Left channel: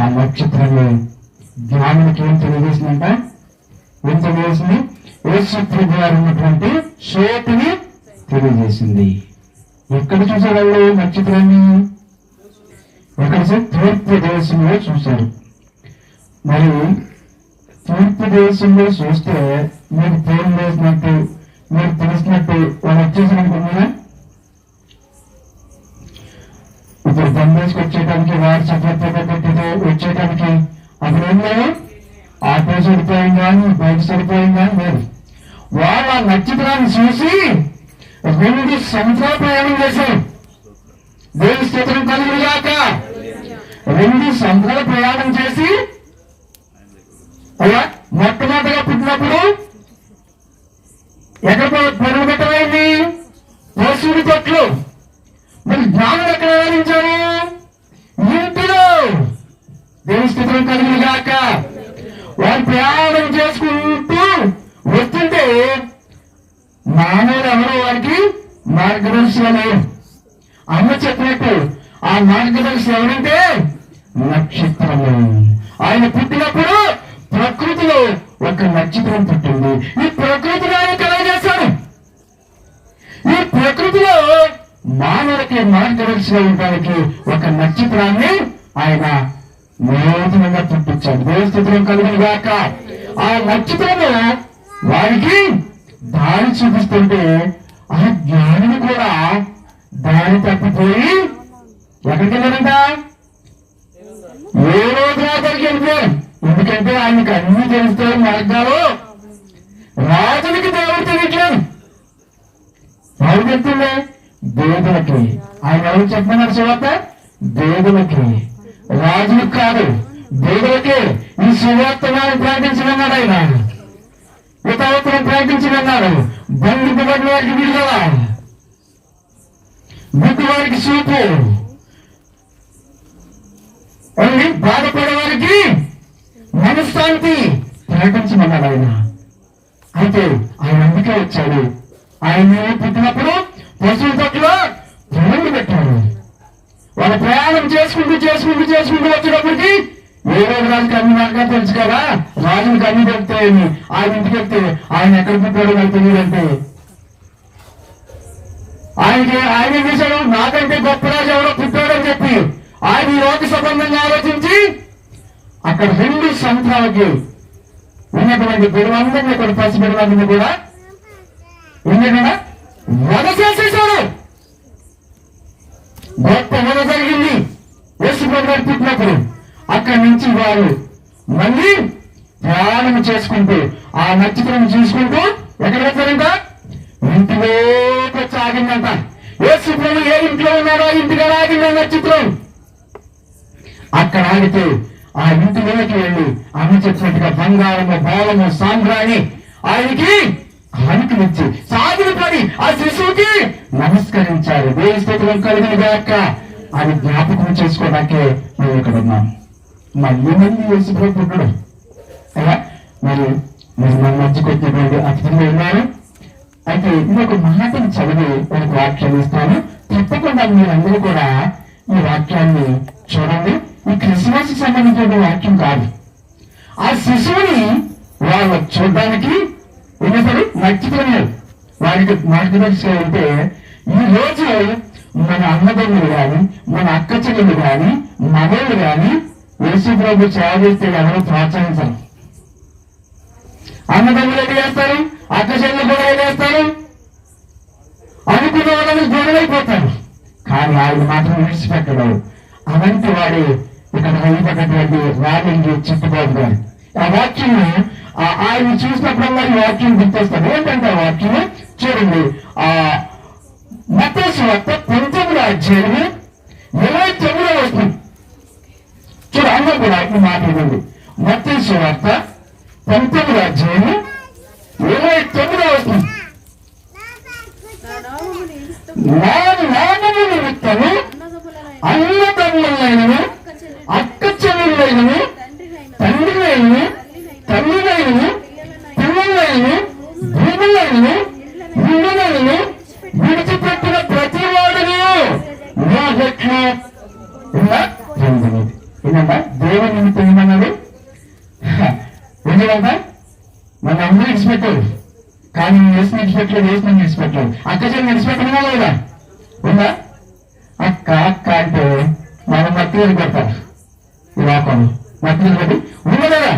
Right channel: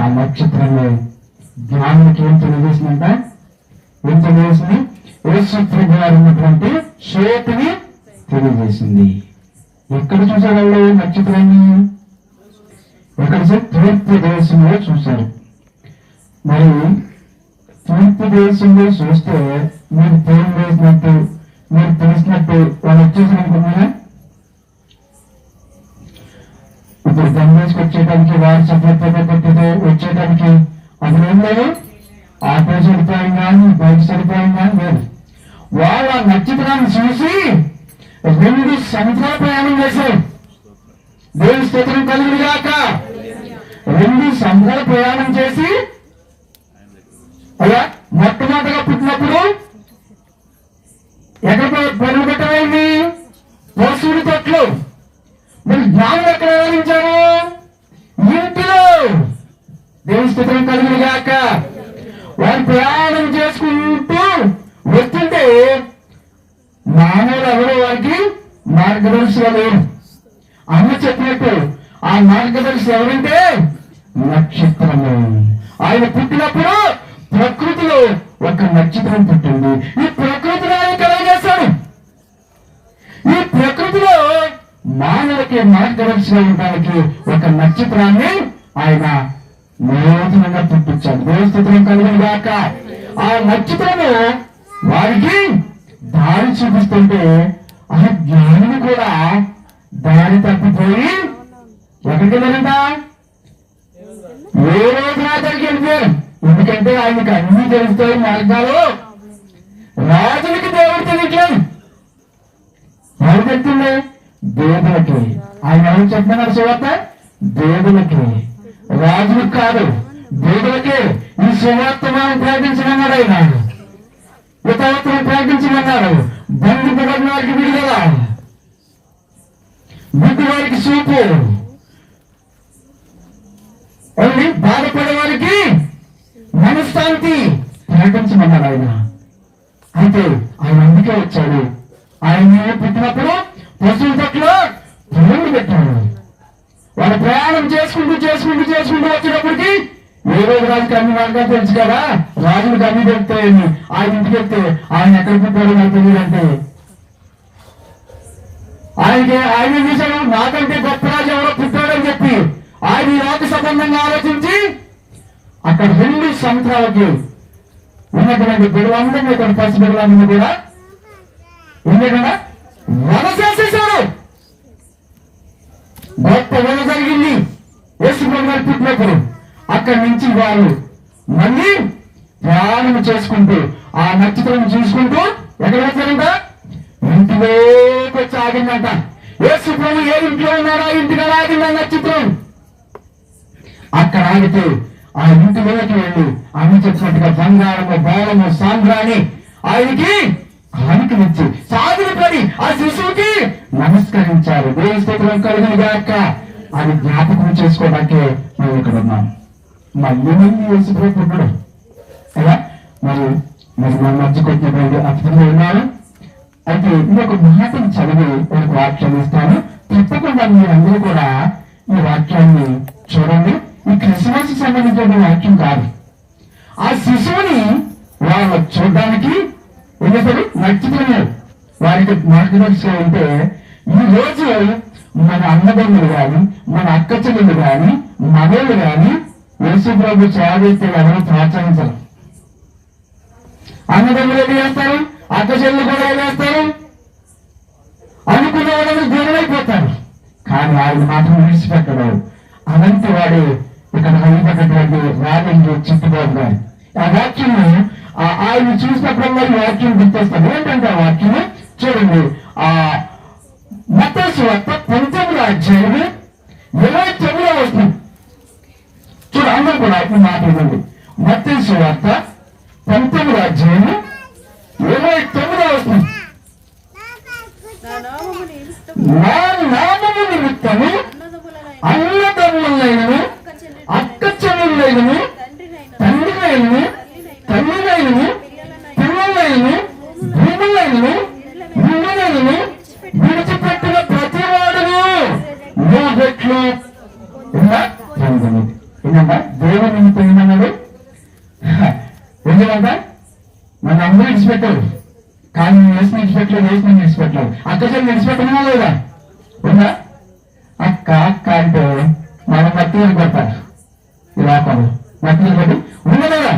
ఆ నక్షత్రాన్ని జ్ఞానానికి ఏం తెలియజేసిందంట? ఏం తెలియజేసింది? యేసు ప్రభు వారు ఉన్నటువంటి చోటుని తెలియజేసింది. ఎక్కడ చూసారు వాళ్ళు నక్షత్రాన్ని? ఎక్కడ తూర్పు దేశంలో చూశారు. మరి తూర్పు దేశంలో చూస్తే మీరు పేరు వేసినట్టు, మీరు తెలిసినట్టు వాళ్ళు వచ్చేసి అనుకున్నారా? ఇప్పుడు బందేసుకు వచ్చేటానికి వారి సభ్యత పెట్టితే వచ్చేటానికి అప్పుడు ఏం లేదు. ఆటో సరిపోయింది కానీ బైక్ సరిపోయింది కానీ లేదు. వాళ్ళు ఆ నక్షత్రాన్ని చూసి 2 సంవత్సరాలు ప్రయాణం చేశారు. దేవుని స్తోత్రం కలుగునుగాక. 2 సంవత్సరాలు ప్రయాణం చేసి అలా మొట్టమొదటిగా పుట్టినప్పుడు ఎక్కడ పొరుగు పెట్టమైంది? పశువుడి తొట్లు. మీరు జ్ఞానులు ఎక్కడ ఆరాధించారు? ఇంటిలో. దేవుని స్తోత్రం కలుగునుగాక. వారు ప్రయాణం చేసుకుంటూ వస్తుంటే మానవులు ఎవరో వారికి మార్గదర్శిగా లేరు. అమ్మ చెప్పినట్టు ఆ మార్గదర్శి ఎవరంటే నక్షత్రము. ఆయన పుట్టినప్పుడు ప్రకృతిలో ఒక నక్షత్రం పుట్టింది. ఈ ప్రకృతిలో ఆయన కలగజేస్తాడు. ఈ ప్రకృతిలో మానవులకి మార్గదర్శిగా ఉండడానికి ఒక నక్షత్రాన్ని ఆయన నూతనంగా పుట్టించాడు. దేవస్థితం కలుగునుగాక. ఆ నక్షత్రము వారికి దారి చూపిస్తుంటే ఆ జ్ఞానులు కూడా దారి తప్పిపోయి ఎక్కడికి వెళ్ళారంట? ఏ రోజు దగ్గరికి వెళ్ళిపోయారు. ఎందుకంటే ఆయనకి అన్ని తెలుస్తాయి మార్గాలు. రాజులకి దేవుడు తెలియట్లేదు. ఎవరు చెప్తుంది? దేవులకి. ఆయన ఎవరు చెప్పమన్నారు? సువార్త దేవులకి, రాజులకు కాదు, దేవులకే ఈ సువార్తను ప్రకటించమన్నాడు. ఆయన యుతవత్తులు ప్రకటించమన్నాడు. బంధింపబడిన వారికి విడుదల, గుడ్డి వారికి చూపు, బాధపడే వారికి మనశ్శాంతి ప్రకటించమన్నాడు ఆయన. అయితే ఆయన అందుకే వచ్చాడు. ఆయన పుట్టినప్పుడు పశువుల పట్ల పొలండి పెట్టాడు. వాళ్ళు ప్రయాణం చేసుకుంటూ వచ్చేటప్పటికి ఏ రోజు రాజుకి అన్ని మార్గాలు తెలుసు కదా, రాజులకు అన్ని దొరుకుతాయని. ఆయన ఇంటికి వెళ్తే ఆయన ఎక్కడ పుట్టాడో నాకు తెలియదంటే ఆయన చూశాడు. నాకంటే గొప్ప రాజు ఎవరో పుట్టాడని చెప్పి ఆయన ఈ లోక సంబంధంగా ఆలోచించి అక్కడ 2 సంవత్సరాలకి ఉన్నటువంటి బిడవందరూ ఇక్కడ పసి బిడవందరూ కూడా ఉంది కదా, వధ చేసేశాడు. గొప్ప వధ జరిగింది యేసు ప్రభు గారు పుట్టినప్పుడు. అక్కడి నుంచి వారు మళ్ళీ ప్రయాణం చేసుకుంటూ ఆ నక్షత్రం చూసుకుంటూ ఎక్కడ వచ్చారంట? ఇంటిలోకి వచ్చి ఆగిందంట. యేసు ప్రభు ఏ ఇంట్లో ఉన్నాడో ఇంటిలో ఆగింది నక్షత్రం. అక్కడ ఆగితే ఆ ఇంటిలోకి వెళ్ళి అమ్మ చెప్పినట్టుగా బంగారము, బోళము, సాంబ్రాణి ఆయనకి కానుకనిచ్చి సాగిలపడి ఆ శిశువుకి నమస్కరించారు. దేవుని స్తోత్రం కలుగునుగాక అని జ్ఞాపకం చేసుకోవడానికే మేము ఇక్కడ ఉన్నాం. మళ్ళీ యేసు ప్రభు పుట్టడం కదా. మరి మన మధ్యకు వచ్చినటువంటి అతిథులు ఉన్నారు. అయితే ఇంకొక మాటను చదివి ఒక వాక్యాన్ని ఇస్తాను. తప్పకుండా మీరందరూ కూడా ఈ వాక్యాన్ని చూడండి. ఈ క్రిస్మస్ సంబంధించిన వాక్యం కాదు. ఆ శిశువుని వాళ్ళు చూడడానికి ఏం చేశారు? నక్షత్రమే వారికి మార్గదర్శిగా ఉంటే ఈ రోజు మన అన్నదమ్ములు కానీ, మన అక్క చెల్లెలు కానీ, మగళ్ళు కానీ యేసు ప్రభు చేస్తే ఎవరు ప్రోత్సహించరు. అన్నదమ్ములు ఏం చేస్తారు? అక్క చెల్లెలు కూడా ఏం చేస్తారు? అనుకున్న వాళ్ళు గొడవైపోతారు. కానీ ఆయన మాత్రం విడిచిపెట్టడు. అలాంటి వాడు ఇక్కడ హైపడినటువంటి రాజంగి చిట్టుబాబు గారు ఆ వాక్యం ఆయన చూసినప్పుడల్లా ఈ వాక్యం గుర్తొస్తాడు. ఏంటంటే ఆ వాక్యం చూడండి. ఆ మత్తయి సువార్త 19వ అధ్యాయము 29వ వచనం చూడు. అందరూ కూడా మాట్లాడండి. మత్తయి సువార్త 19వ అధ్యాయము 29వ వచనం. నా నామము నిమిత్తము అన్నదమ్ములైనను, అక్క చెల్లెలైనను, తండ్రినైనను, తల్లినైనను, పిల్లలైనను, భూములైనను, ఇండ్లైనను విడిచిపెట్టిన ప్రతి వాడును నా రెట్లు ఏంటంట దేవుని నిమిత్తం ఏమన్నాడు? ఎందుకంట మన అందరూ విడిచిపెట్టారు, కానీ వేసిన విడిచిపెట్టలేదు, వేసిన విడిచిపెట్టలేదు. అక్క చెల్లి విడిచిపెట్టమన్నా లేదా? ఉందా? అక్క అక్క అంటే మనం నక్కులు పెడతారు, ఇలా కాదు నక్కులు పెట్టి ఉందా లేదా?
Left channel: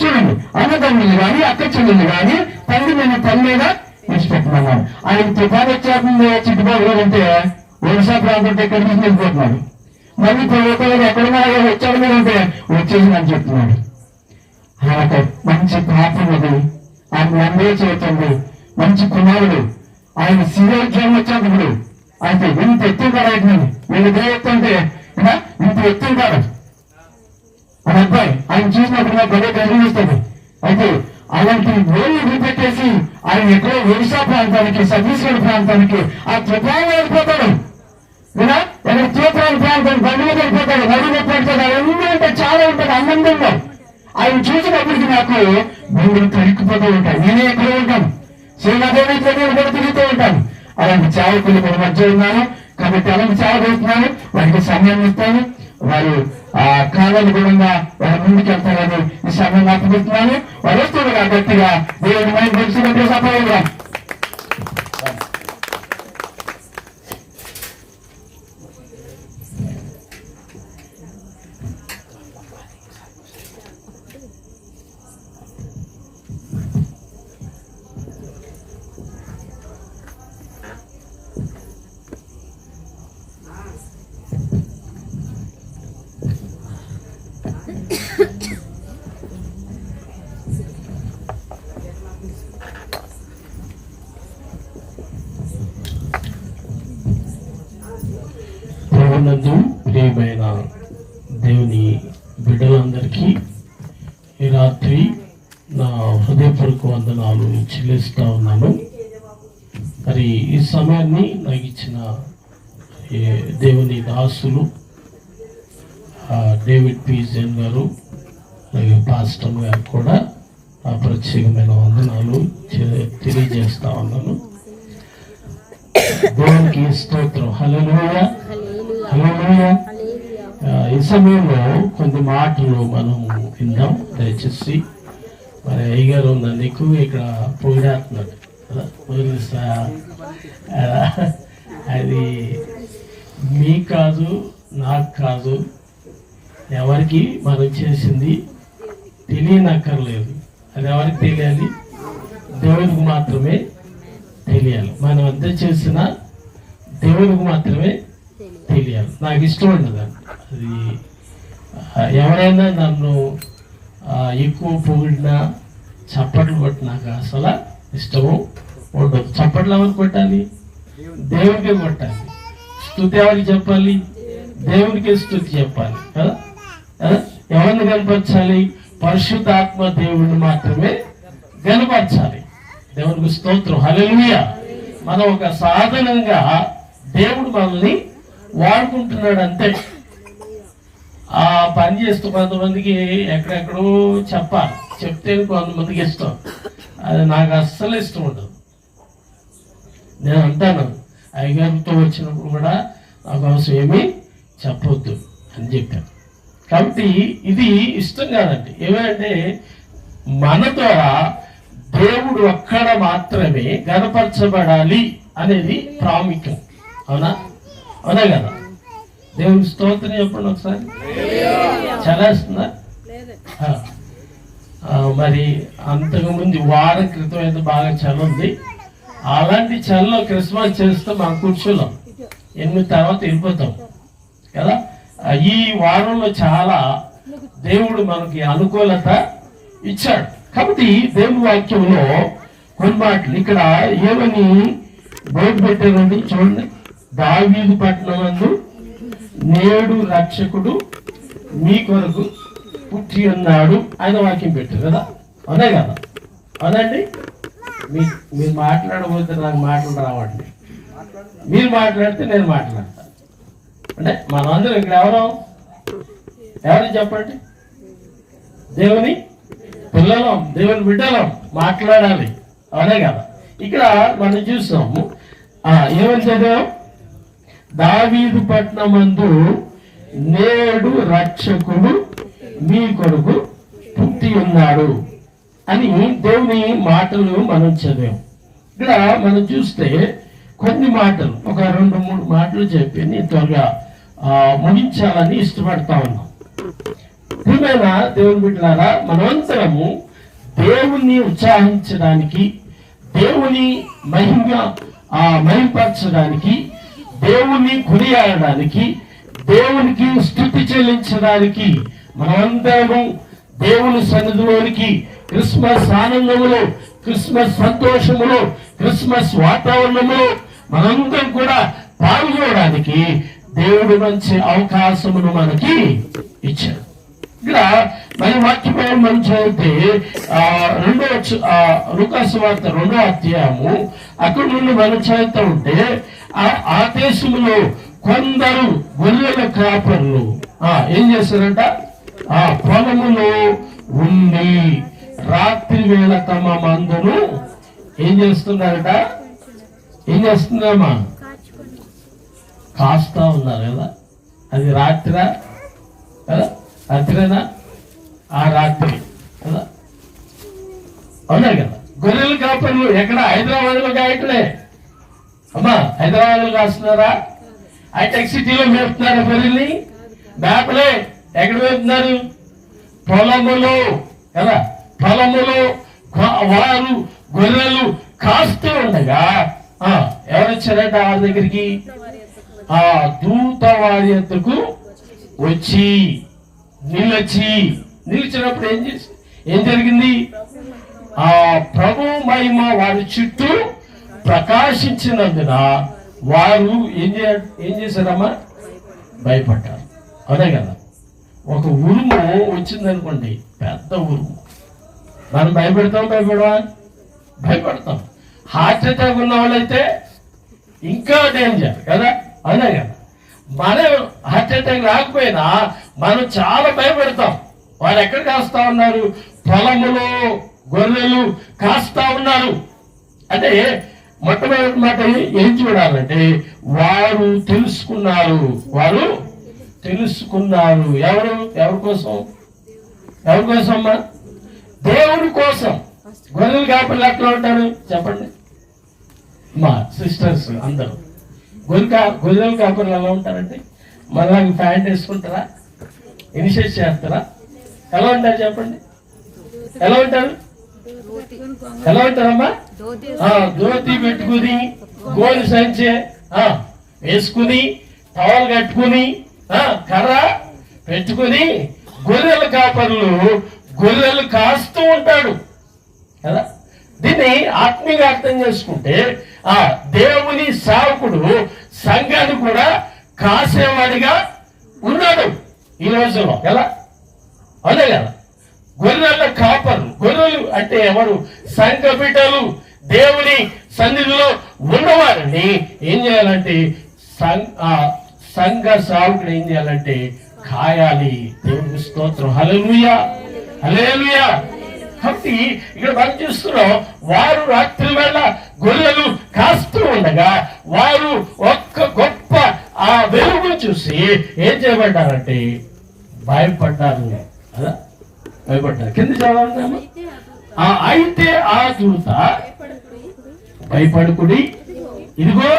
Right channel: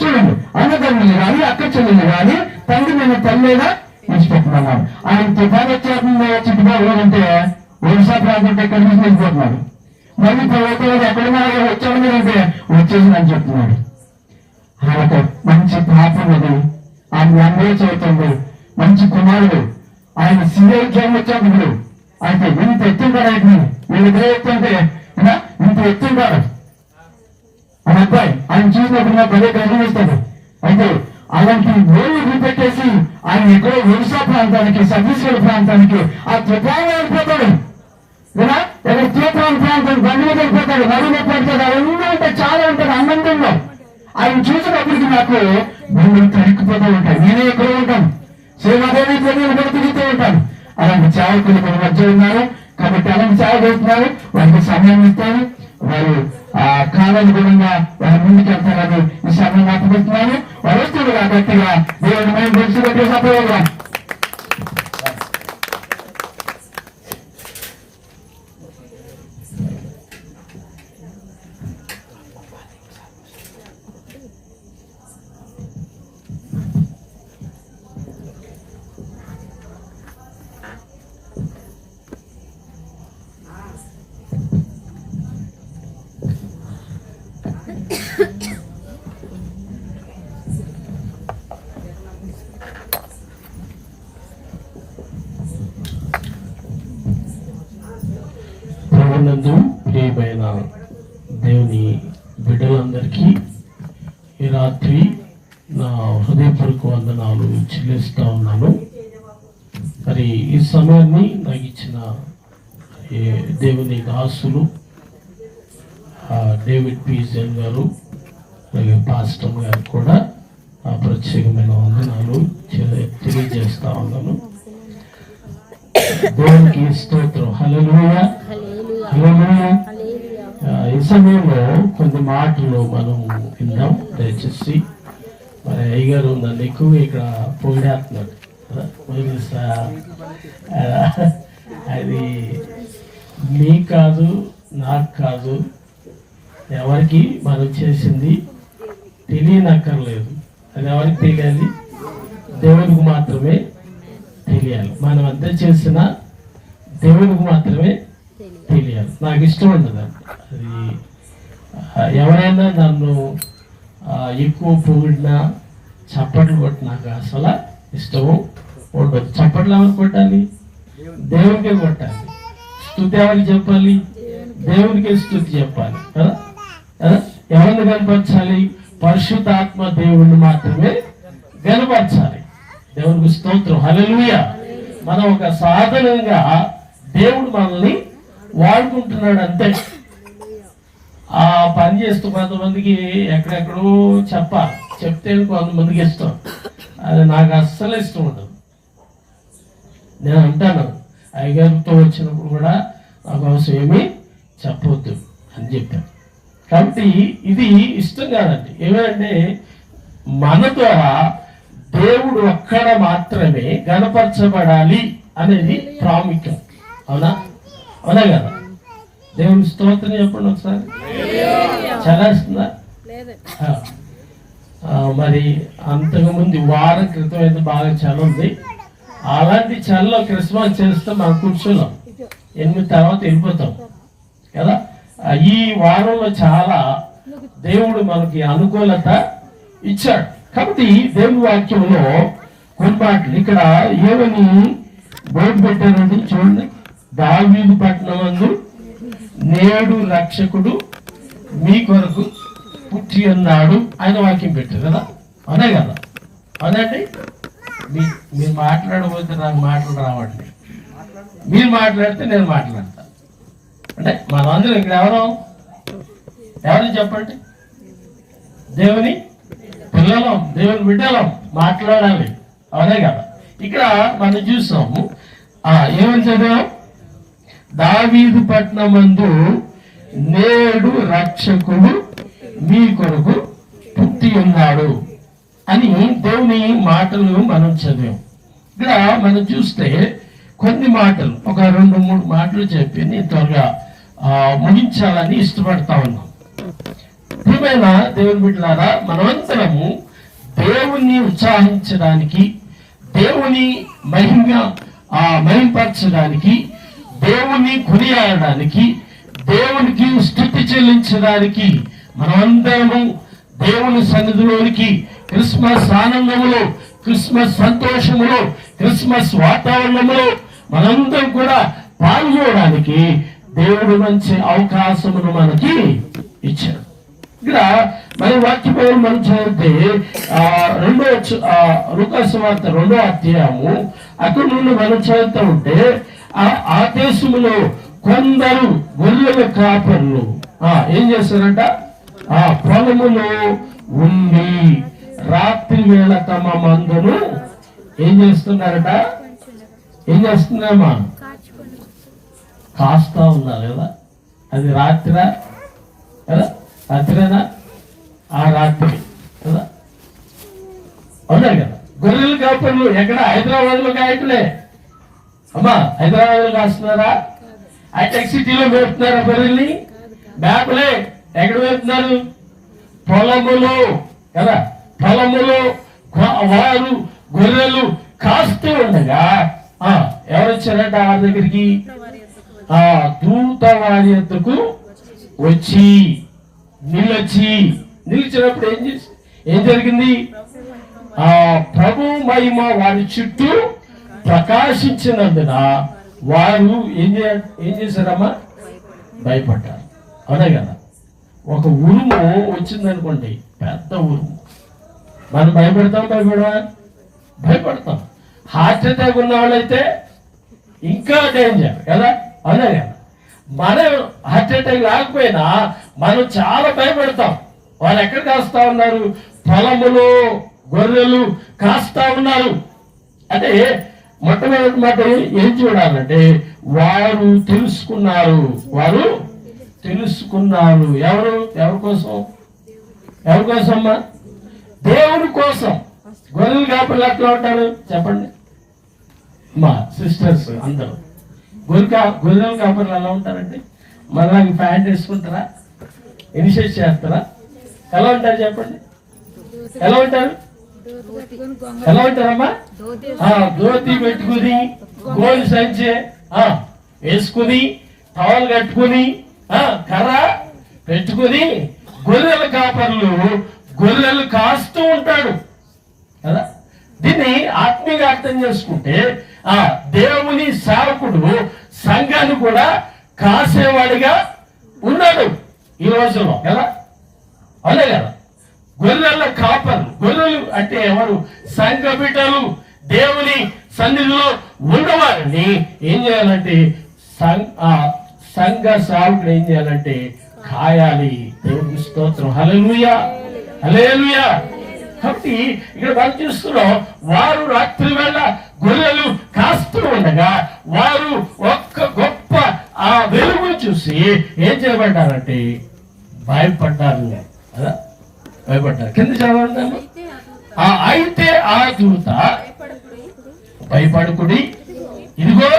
చూడండి, అన్నదమ్ములు కానీ అక్క చెల్లెలు కానీ తండ్రి నేను తల్లిగా విడిచిపెట్టమన్నారు. ఆయన తుఫాను వచ్చేస్తుంది చుట్టుపక్కల ఉంటే ఒడిశా ప్రాంతం ఎక్కడి నుంచి వెళ్ళిపోతున్నారు. మళ్ళీ ప్రభుత్వం ఎక్కడన్నా వచ్చాడు మీద ఉంటే వచ్చేసి అని చెప్తున్నాడు. ఆయనకు మంచి ప్రార్థనది, ఆయన అన్నే చేస్తుంది, మంచి కుమారుడు. ఆయన సీఏ ఉద్యోగం వచ్చేటప్పుడు అయితే ఇంత ఎత్తుంటాడు. ఆయన వీళ్ళు ఎత్తుంటే ఇంత ఎత్తుంటాడు మన అబ్బాయి. ఆయన చూసినప్పుడు నాకు అదే గర్వమిస్తుంది. అయితే అలాంటి వేలు పెట్టేసి ఆయన ఎక్కడో ఒడిశా ప్రాంతానికి, ఛత్తీస్గఢ్ ప్రాంతానికి ఆ తుఫాను వెళ్ళిపోతాడు కదా. ఎక్కడ తూప్రాన్ ప్రాంతానికి బండి మీద వెళ్ళిపోతాడు, నడుము పడతాడు. అవన్నీ అంటే చాలా ఉంటాడు ఆనందంలో. ఆయన చూసినప్పటికీ నాకు భూములు తరిక్కిపోతూ ఉంటాయి. నేనే ఎక్కడో ఉంటాను, సేవాదేవి కూడా తిరుగుతూ ఉంటాను. అలాంటి చావకులు మన మధ్య ఉన్నారు కాబట్టి అలాంటి చావ చేస్తున్నారు. వారికి సమయాన్ని ఇస్తాను, వారు ఆ కాలానుగుణంగా వారి ముందుకు వెళ్తారని ఈ సమయం అప్పగిస్తున్నాను. వారు వస్తుండగా గట్టిగా దేవుని మనం తెలిసి సపోగా ప్రభునందు ప్రియమైన దేవుని బిడ్డలందరికీ ఈ రాత్రి నా హృదయపూర్వక వందనాలు చెల్లిస్తూ ఉన్నాను. మరి ఈ సమయాన్ని నాకు ఇచ్చిన దేవుని దాసులు డేవిడ్ పీజన్ గారు అలాగే పాస్టర్ గారు కూడా ఆ ప్రత్యేకమైన వందనాలు తెలియజేస్తా ఉన్నాను. దేవునికి స్తోత్రం. హల్లెలూయా హల్లెలూయా. ఈ సమయంలో కొన్ని మాటలు మనం విందాం దయచేసి. మరి అయ్యగారు నన్ను ఎక్కువ ఇక్కడ పొగిడేస్తున్నాడు. అది మీ కాదు, నాకు కాదు, ఎవరికి మనం చేసింది తెలియనక్కర్లేదు. అది ఎవరికి తెలియాలి? దేవునికి మాత్రమే తెలియాలి. మనం ఎంత చేసినా దేవునికి మాత్రమే తెలియాలి. నాకు ఇష్టం ఉండదు అది. ఎవరైనా నన్ను ఎక్కువ పొగిడినా చప్పట్లు కొట్టి నాకు అసలు ఇష్టము ఉండదు. చప్పట్లు ఎవరికి కొట్టాలి? దేవునికే కొట్టాలి. స్తుతి ఎవరికి చెప్పాలి? దేవునికే స్తుతి చెప్పాలి కదా. ఎవరిని కనపరచాలి? పరిశుద్ధాత్మ దేవుణ్ణి మాత్రమే కనపరచాలి. దేవునికి స్తోత్రం. హల్లెలూయా. మనం ఒక సాధనంగా దేవుడు మనల్ని వాడుకుంటున్నాడు అంతే. ఆ పని చేస్తూ కొంతమందికి ఎక్కడెక్కడో చెప్తే కొంతమందికి ఇష్టం. అది నాకు అస్సలు ఇష్టం ఉండదు. నేను అంటాను, అయ్యగారితో వచ్చినప్పుడు కూడా నాకు అవసరం ఏమీ చెప్పవద్దు అని చెప్పాను. కాబట్టి ఇది ఇష్టం కాదండి. ఏమంటే మన ద్వారా దేవుడు ఒక్కడ మాత్రమే గణపరచబడాలి అనేది ప్రాముఖ్యం. అవునా? అవునా కదా? దేవుని స్తోత్రం చెప్పండి ఒకసారి. చలేస్తుందా? మరి అంతకుముందు వారం క్రితం అయితే బాగా చలి ఉంది. అలాంటి చలిలో క్రిస్మస్ చేస్తే మనం కూర్చోలేం, 8 తర్వాత వెళ్ళిపోతాం కదా. ఈ వారంలో చాలా దేవుడు మనకి అనుకూలత ఇచ్చాడు. కాబట్టి దేవుని వాక్యంలో కొన్ని మాటలు ఇక్కడ ఏమని బోర్డు పెట్టారండి చూడండి. దావీదు పట్టణమందు నేడు రక్షకుడు మీ కొరకు పుట్టి అన్నాడు ఆయన వాక్యం పెట్టారు కదా. అవునే కదా? అవునండి. మీరు మాట్లాడబోతే నాకు మాటలు రావట్లేదు. మీరు మాట్లాడితే నేను మాట్లాడతా. అంటే మనందరం ఇక్కడ ఎవరు చెప్పండి? దేవుని పిల్లలం, దేవుని బిడ్డలం, మాట్లాడాలి. అవునే కదా? ఇక్కడ మనం చూస్తాము ఏమని చదివాం? దావీదు పట్టణమందు నేడు రక్షకుడు మీ కొరకు పుట్టి ఉన్నాడు అని దేవుని మాటలు మనం చదివాం. ఇక్కడ మనం చూస్తే కొన్ని మాటలు, ఒక 2-3 మాటలు చెప్పి నేను త్వరగా ముగించాలని ఇష్టపడతా ఉన్నాం. ప్రియమైన దేవుని బిడ్డలారా, మనమంతరము దేవుణ్ణి ఉత్సాహించడానికి, దేవుని మహింపరచడానికి, దేవుణ్ణి కొనియాడడానికి, దేవునికి స్తుతి చెల్లించడానికి మనమందరము దేవుని సన్నిధిలోనికి క్రిస్మస్ ఆనందములో, క్రిస్మస్ సంతోషములో, క్రిస్మస్ వాతావరణంలో మనందరం కూడా పాల్గొనడానికి దేవుడి నుంచి అవకాశమును మనకి ఇచ్చాడు. ఇక్కడ మన వాక్యం మనం చదివితే లూకాసు వార్త 2వ అధ్యాయము అక్కడి నుండి మనం చదువుతూ ఉంటే, ఆ దేశంలో కొందరు గొర్రెల కాపర్లు ఏం చేస్తారంట, ఆ పొలములో ఉండి రాత్రి వేళ తమ మందును ఏం చేస్తున్నారట, ఏం చేస్తున్నారమ్మా, కాస్తా ఉన్నారు కదా. అది రాత్రిరా కదా, రాత్రేనా, ఆ రాత్రి కదా, అవునా కదా. గొర్రెలు కాపర్లు ఎక్కడ, హైదరాబాద్ లో కాయట్లే అమ్మా, హైదరాబాద్ లో కాస్తున్నారా, హైటెక్ సిటీలో మేపుతున్నారా గొర్రెల్ని? మేపలే. ఎక్కడ మేపుతున్నారు? పొలములో కదా. పొలములో వారు గొర్రెలు కాస్తూ ఉండగా ఎవరు వచ్చారట వాళ్ళ దగ్గరికి? దూత వారి యొద్దకు వచ్చి నిలిచినప్పుడు ఏం జరిగింది? ప్రభు మహిమ వారి చుట్టూ ప్రకాశించినందున వారు ఏం చేశారమ్మా? భయపడ్డారు. అదే కదా. ఒక ఉరుము వచ్చిందనుకోండి, పెద్ద ఉరుము, మనం భయపడతాం. హార్ట్ అటాక్ ఉన్న వాళ్ళైతే ఇంకా డేంజర్ కదా, అదే కదా. మనం హార్ట్ అటాక్ రాకపోయినా మనం చాలా భయపడతాం. వాళ్ళు ఎక్కడ కాస్తా ఉన్నారు? పొలములో గొర్రెలు కాస్తా ఉన్నారు. అంటే మొట్టమొదటి మాట ఏం చూడాలంటే, వారు తెలుసుకున్నారు. ఎవరి కోసమ్మా? దేవుని కోసం. గొర్రెలు కాపర్లు ఎట్లా ఉంటారు చెప్పండి మా సిస్టర్స్ అందరూ? గొర్రెలు కాపర్లు ఎలా ఉంటారంటే, మళ్ళీ ప్యాంట్ వేసుకుంటారా, ఇనిషియేట్ చేస్తారా, ఎలా ఉంటారు చెప్పండి? ఎలా ఉంటారమ్మా? ధోతి పెట్టుకుని, గోలు సంచే వేసుకుని, టవల్ కట్టుకుని, కర్ర పెట్టుకుని గొర్రెల కాపర్లు గొర్రెలు కాస్తూ ఉంటాడు కదా. దీన్ని ఆత్మీయంగా అర్థం చేసుకుంటే, దేవుని సేవకుడు సంఘాన్ని కూడా కాసేవాడిగా ఉన్నాడు ఈ రోజులో కదా. అదే కదా. గొర్రెల కాపర్లు, గొర్రెలు అంటే ఎవరు? సంఘ బిడ్డలు, దేవుని సన్నిధిలో ఉన్నవారిని ఏం చేయాలంటే, సంఘ సేవకుడు ఏం చేయాలంటే కాయాలి. దేవుని స్తోత్రం. హల్లెలూయా, హల్లెలూయా. కాబట్టి ఇక్కడ మనం చూస్తున్నాం, వారు రాత్రి వేళ గొర్రెలు కాస్తూ ఉండగా వారు ఒక్క గొప్ప ఆ వెలుగును చూసి ఏం చేయబడ్డారంటే భయపడ్డారు. అలా భయపడ్డారు. కింద చదవండి. అయితే ఆ దూత భయపడుకుడి, ఇదిగో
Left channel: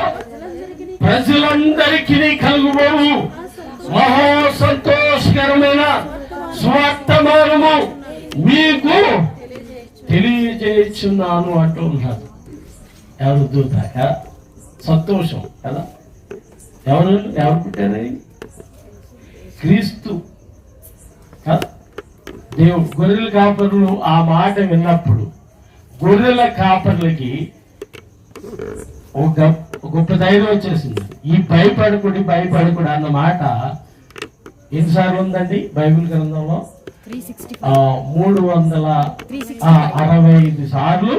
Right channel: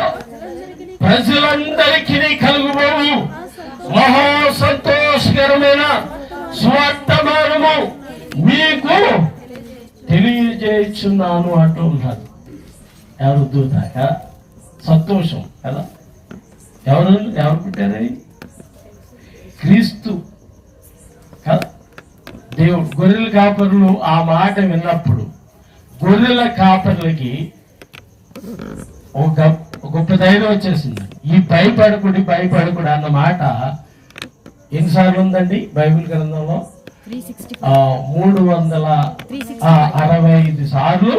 ప్రజలందరికీ కలుగుబోవు మహా సంతోషకరమైన స్వార్థమానము మీకు తెలియజేస్తున్నాను అంటూ ఉన్నారు. ఎవరు? దూత. సంతోషం కదా. ఎవరు పుట్టారని? క్రీస్తు కదా. దేవుడు. గొర్రెల కాపర్లు ఆ మాట విన్నప్పుడు గొర్రెల కాపర్లకి ఒక గొప్ప ధైర్యం వచ్చేసింది. ఈ భయపడకుడి అన్న మాట ఎన్నిసార్లు ఉందండి బైబిల్ గ్రంథంలో? 365 సార్లు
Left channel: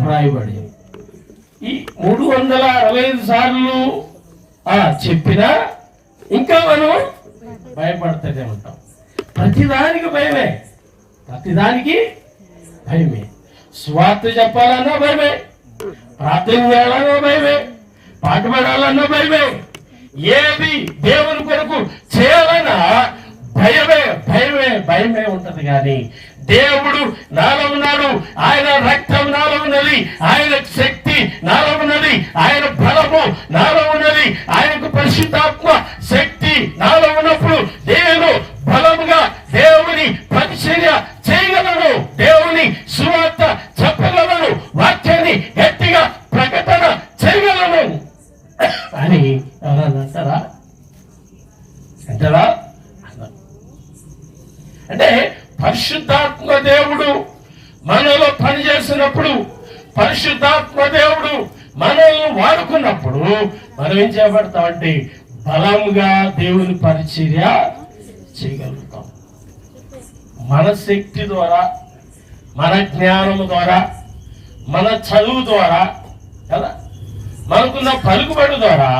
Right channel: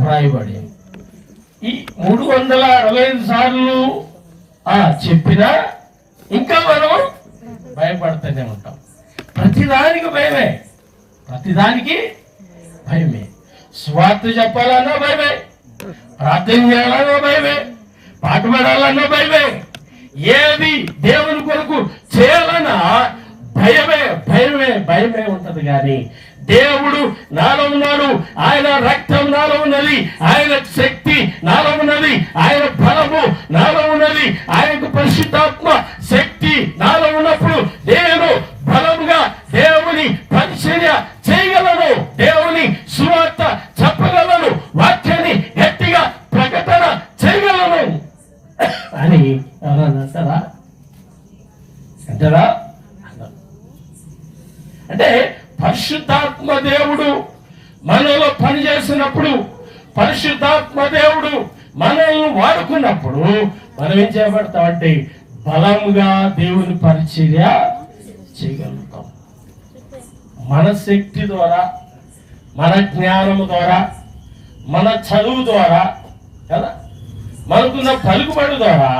వ్రాయబడి. ఈ 365 సార్లు చెప్పినా ఇంకా మనం భయపడుతూనే ఉంటాం. ప్రతిదానికి భయమే. స్వార్థ చెప్పాలన్నా భయమే, ప్రార్థన చేయాలన్నా భయమే, పాట పాడాలన్నా భయమే, ఏది దేవుని కొరకు చేయాలన్నా భయమే ఉంటది. కానీ దేవుడు నాలో ఉన్నాడు, ఆయన రక్తం నాలో ఉన్నది, ఆయన శక్తి నాలో ఉన్నది, ఆయన బలము నాలో ఉన్నది, ఆయనకు పరిశుద్ధాత్మ శక్తి నాలో ఉన్నప్పుడు నేను బలముగా దేవుని పరిచర్య చేయగలను, దేవుని సువార్త చెప్పగలను, వాక్యాన్ని గట్టిగా ప్రకటన చేయగలను అని అంటారా? అంటే పరిశుద్ధాత్మ దేవుడు మనలో పనిచేసినప్పుడు, పరిశుద్ధాత్మ దేవుడు మనల్ని వాడుకున్నప్పుడు మనం ఏం చేయబడతామంటే బలంగా దేవుని పరిచర్య చేయగలుగుతాం. మన శక్తి ద్వారా, మన జ్ఞానము ద్వారా, మన చదువు ద్వారా కదా, మనకున్న పలుకుబడి ద్వారా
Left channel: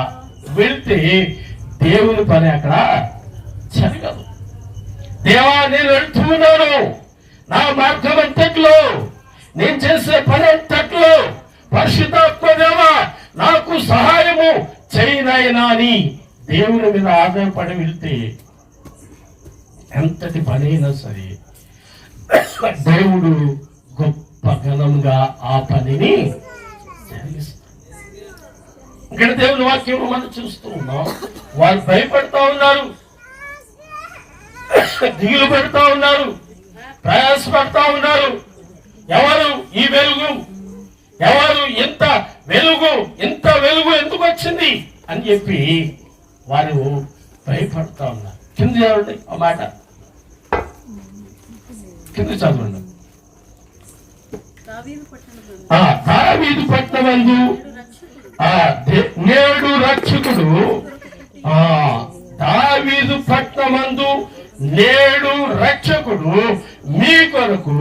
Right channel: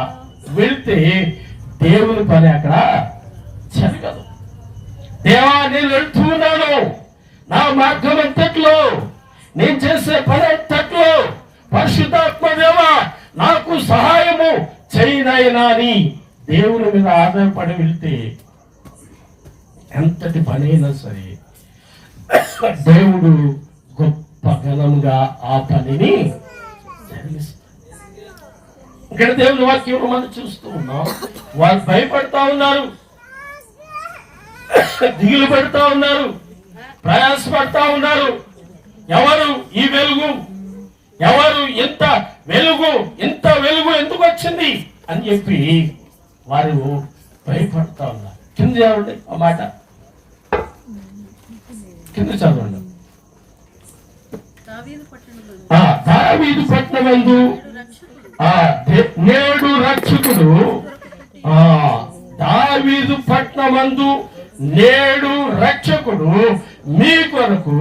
వెళ్తే దేవుని పని అక్కడ జరగదు. దేవా, నేను వెళ్తున్నాను, నా మార్గం అంతట్లో, నేను చేసే పని అంతట్లో పరిశుద్ధాత్మ దేవా నాకు సహాయము చేయనైనా అని దేవుని మీద ఆధారపడి వెళ్తే ఎంతటి పని అయినా సరే దేవుడు గొప్ప ఘనంగా ఆ పనిని జరిగిస్తాడు. ఇక్కడ దేవుని వాక్యం మనం చూస్తూ ఉన్నాం. వాళ్ళు భయపడతా ఉన్నారు, దిగులు పెడతా ఉన్నారు, ప్రయాసపడతా ఉన్నారు. ఎవరు ఈ వెలుగు, ఎవరు ఇంత వెలుగు ఎందుకు వచ్చింది అని చెప్పి వారు భయపడతా ఉన్నారు. కింద చదవండి ఆ మాట, కింద చదవండి. దావీదు పట్టణమందు నేడు రక్షకుడు, దావీదు పట్టణమందు నేడు రక్షకుడు మీ కొరకు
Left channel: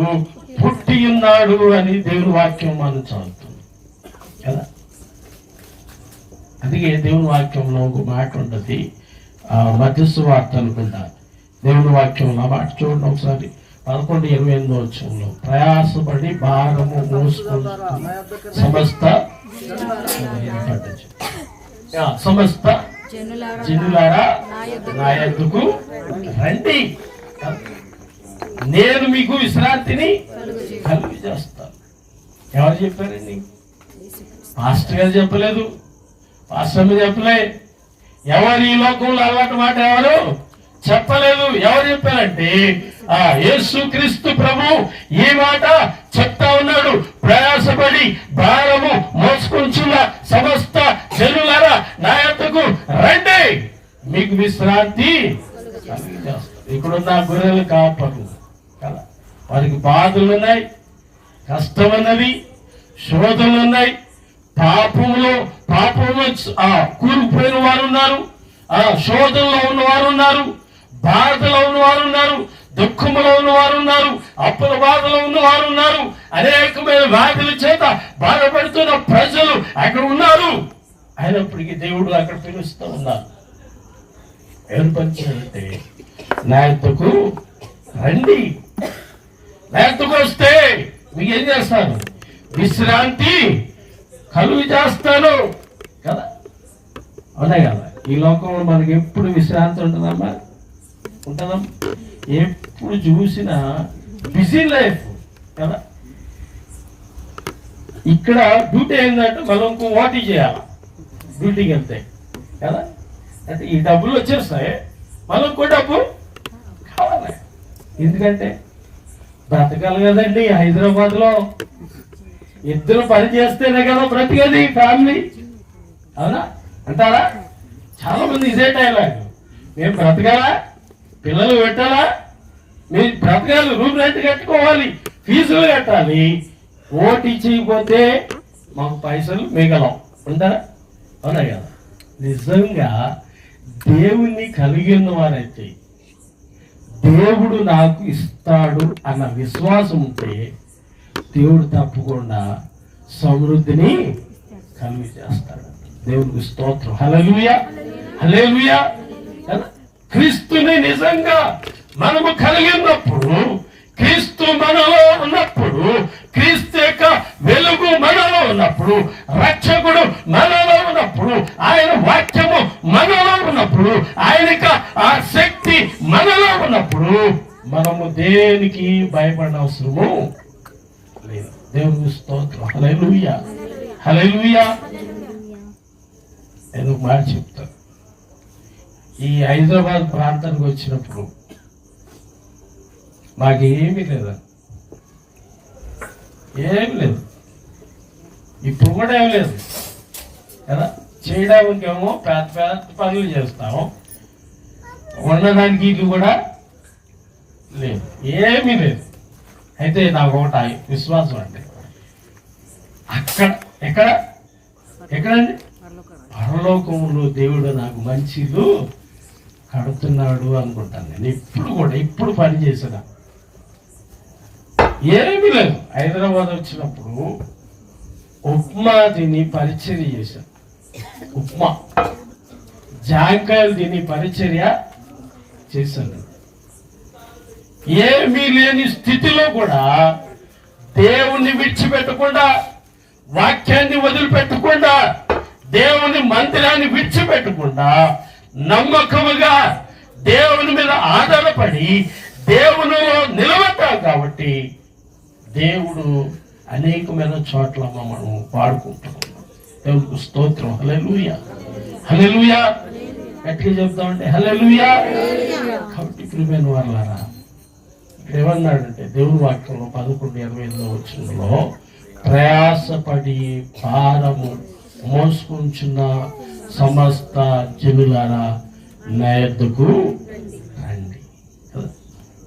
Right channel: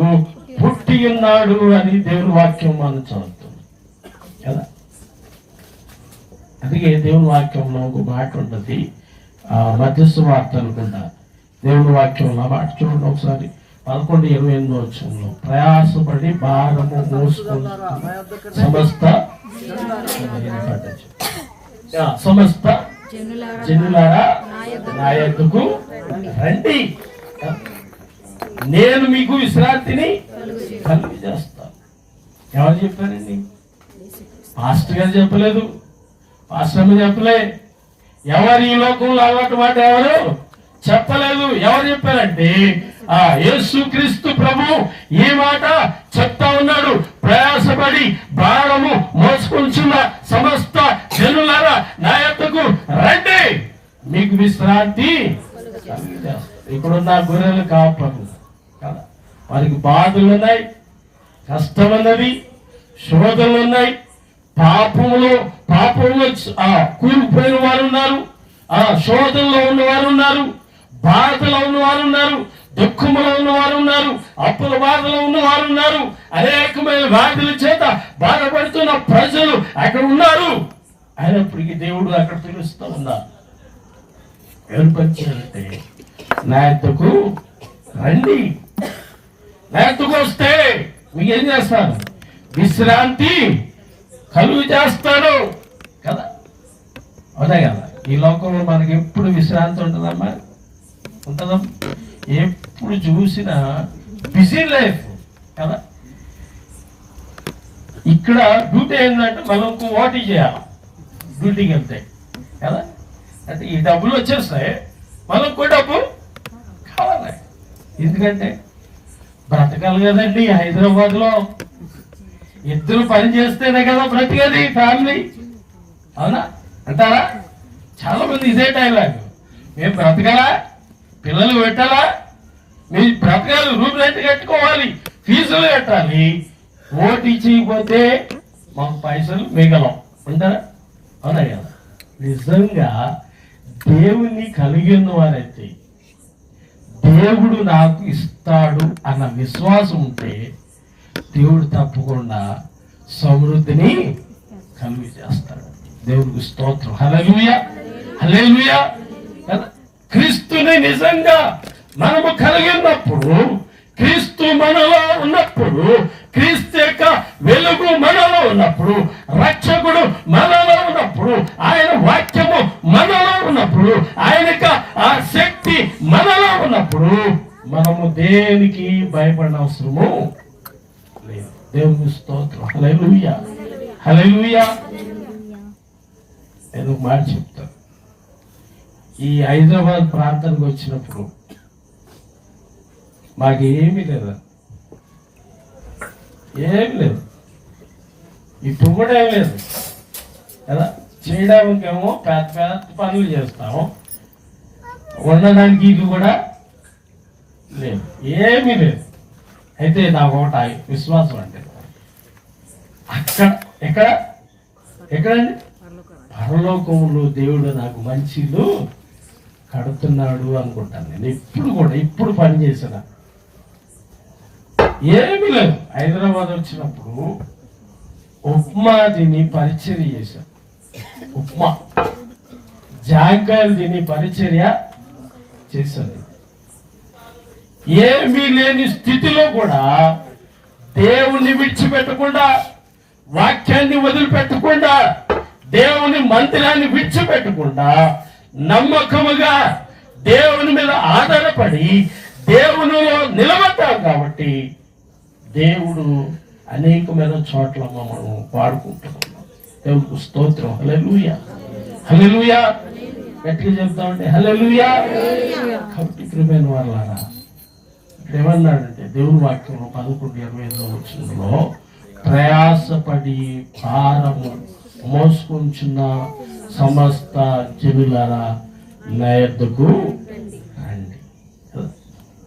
పుట్టి ఉన్నాడు అని దేవుని వాక్యం మనం చదువుతుంది కదా. అందుకే దేవుని వాక్యంలో ఒక మాట ఉన్నది, మధ్యస్థ వార్త అనుకుంటా. దేవుని వాక్యంలో మాట చూడండి ఒకసారి, 11:28 వచ్చంలో, ప్రయాసపడి భారము మోసుకున్న సమస్త జనులారా నా యొద్దకు రండి, నేను మీకు విశ్రాంతిని కలుగు చేస్తాను. ఎవరు చెప్పారండి? పాస్టర్ గారు చెప్పలేదు, పాస్టర్ చెప్పలే, ఎవరు ఈ లోకంలో అలవాటు మాట ఎవరు చెప్పలేదు. ఎవరు చెప్పారంటే యేసుక్రీస్తు ప్రభు ఈ మాట చెప్తా ఉన్నాడు. ప్రయాసపడి భారము మోసుకుంటున్న సమస్త జనులారా నా యొద్దకు రండి, మీకు విశ్రాంతి కలుగజేస్తాను. ఇక్కడున్న గొర్రెలు కాపర్లు కదా, వారికి బాధలు ఉన్నాయి, కష్టం అన్నది, శోధనలు ఉన్నాయి, పాపంలో కూలిపోయిన వారు ఉన్నారు, శోధనలో ఉన్నవారు ఉన్నారు, బాధలో ఉన్నవారు ఉన్నారు, దుఃఖంలో ఉన్నవారు ఉన్నారు, అప్పుల బాధలో ఉన్నవారు ఉన్నారు, అనేకమైన వ్యాధుల చేత బాధపడుతున్న ప్రజలు అక్కడ ఉన్నారు. అయినప్పటికీ దేవుడు అక్కడ పిలుస్తూ ఉన్నారు. ఏర్పరిచారంటే నా యొద్దకు రండి, నా యొద్దకు వస్తే మీకు ఏం చేస్తాను? విశ్రాంతి కలుగు చేస్తాను కదా. అవునా కదా? ఈ లోకంలో మనకి ఎప్పుడు విశ్రాంతి ఉంటుందమ్మా? ఉంటుందా? ఎప్పుడు చూసినా బిజీ లైఫ్ కదా. ఇక్కడ డ్యూటీ ఏంటంటే మనం వాటి చేయాలి డ్యూటీకి వెళ్తే కదా. అంటే ఈ డబ్బులు వచ్చేస్తాయి, మనకు డబ్బు కావాలి. ఎందుకంటే బ్రతకాలి కదండి. హైదరాబాద్ లో ఇద్దరు పని చేస్తేనే కదా బ్రతికేది ఫ్యామిలీ, అవునా అంటారా? చాలా మంది ఇదే డైలాగ్, మేము బ్రతకాలా, పిల్లలు పెట్టాలా, మీ బ్రతకాలి, రూమ్ రెంట్ కట్టుకోవాలి, ఫీజులు కట్టాలి, ఓటీ చేయకపోతే మాకు పైసలు మిగలం ఉంటారా? అవునా కదా? నిజంగా దేవుణ్ణి కలిగి ఉన్న వారైతే దేవుడు నాకు ఇస్తాడు అన్న విశ్వాసం ఉంటే దేవుడు తప్పకుండా సమృద్ధిని కలిగి చేస్తాడు. దేవుడికి స్తోత్రం. హల్లెలూయా, హల్లెలూయా. క్రీస్తుని నిజంగా మనము కలిగి ఉన్నప్పుడు, క్రీస్తు మనలో ఉన్నప్పుడు, క్రీస్తు యొక్క వెలుగు మనలో ఉన్నప్పుడు, రక్షకుడు మనలో ఉన్నప్పుడు, ఆయన వాక్యము మనలో ఉన్నప్పుడు, ఆయనకి ఆ శక్తి మనలో ఉన్నప్పుడు మనము దేనికి భయపడిన అవసరము లేదు. దేవుని స్తోత్రం. హల్లెలూయా, హల్లెలూయా. నేను ఒక మాట చెప్తాను. ఈ హైదరాబాద్ ప్రాంతానికి వచ్చినప్పుడు మాకేమీ లేదా, ఏమి లేదు, ఇప్పుడు కూడా ఏం లేదు కదా. చేయడానికేమో పెద్ద పెద్ద పనులు చేస్తాము, ఉండడానికి ఇల్లు కూడా లేదు, ఏమీ లేదు. అయితే నాకు ఒకటి విశ్వాసం అంటే ఎక్కడండి పరలోకంలో దేవుడు నాకు మంచి ఇల్లు కడుతున్నాడు అనుకుంటాను. నేను ఇప్పుడు పని చేసిన ఏమీ లేదు. హైదరాబాద్ వచ్చినప్పుడు ఉప్మా తిని పరిచర్య చేశాను. ఉప్మా జాంకాయలు తిని పరిచర్య చేశాను. ఏమీ లేని స్థితిలో కూడా దేవుణ్ణి విడిచిపెట్టకుండా, వాక్యాన్ని వదిలిపెట్టకుండా, దేవుని మందిరాన్ని విడిచిపెట్టకుండా నమ్మకముగా దేవుని మీద ఆధారపడి దేవునిలో నిలబడ్డాం. కాబట్టి దేవుడు అనేకమైన చోట్ల మనం వాడుకుంటున్నాం. దేవునికి స్తోత్రం. హల్లెలూయా, హల్లెలూయా. గట్టిగా చెప్తామంటే హల్లెలూయా. కాబట్టి ప్రియమైన వాళ్ళారా, ఏమన్నాడంటే దేవుని వాక్యంలో 11:28 వచనంలో, ప్రయాసపడి భారము మోసుకుంటున్న సమస్త జనులారా నా యొద్దకు రండి.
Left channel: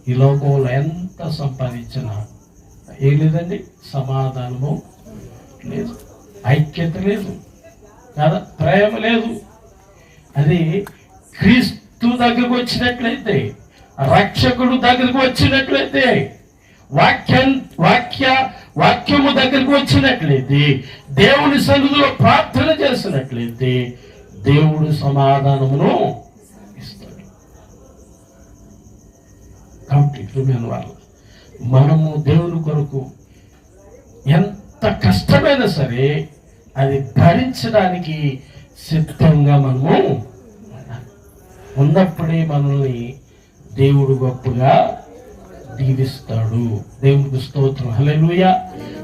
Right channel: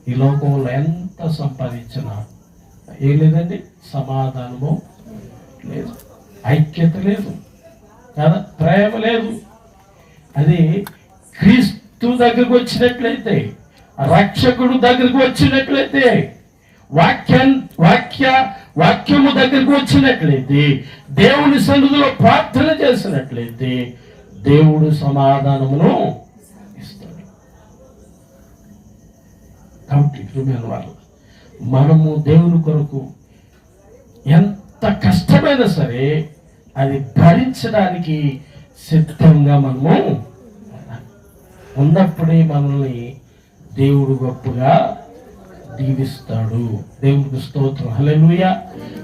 ఈ లోకంలో ఎంత సంపాదించినా ఏం లేదండి, సమాధానము లేదు, ఐక్యత లేదు కదా, ప్రేమ లేదు. అది క్రీస్తు దగ్గరకు వచ్చినట్లయితే, రక్షకుడు దగ్గరకు వచ్చినట్లయితే, వాక్యము దగ్గరకు వచ్చినట్లయితే, దేవుని సన్నిధిలో ప్రార్థన చేసినట్లయితే దేవుడు సమాధానమును ఇస్తాడు. కాబట్టి ప్రియమైన వాళ్ళు, మనము దేవుని కొరకు ఎంత కష్టమైనా సరే అది భరించడానికి సిద్ధంగా మనము ఉన్నప్పుడే మనల్ని దేవుడు గొప్పగా దీవిస్తాడు. దేవునికి స్తోత్రం. హల్లెలూయా,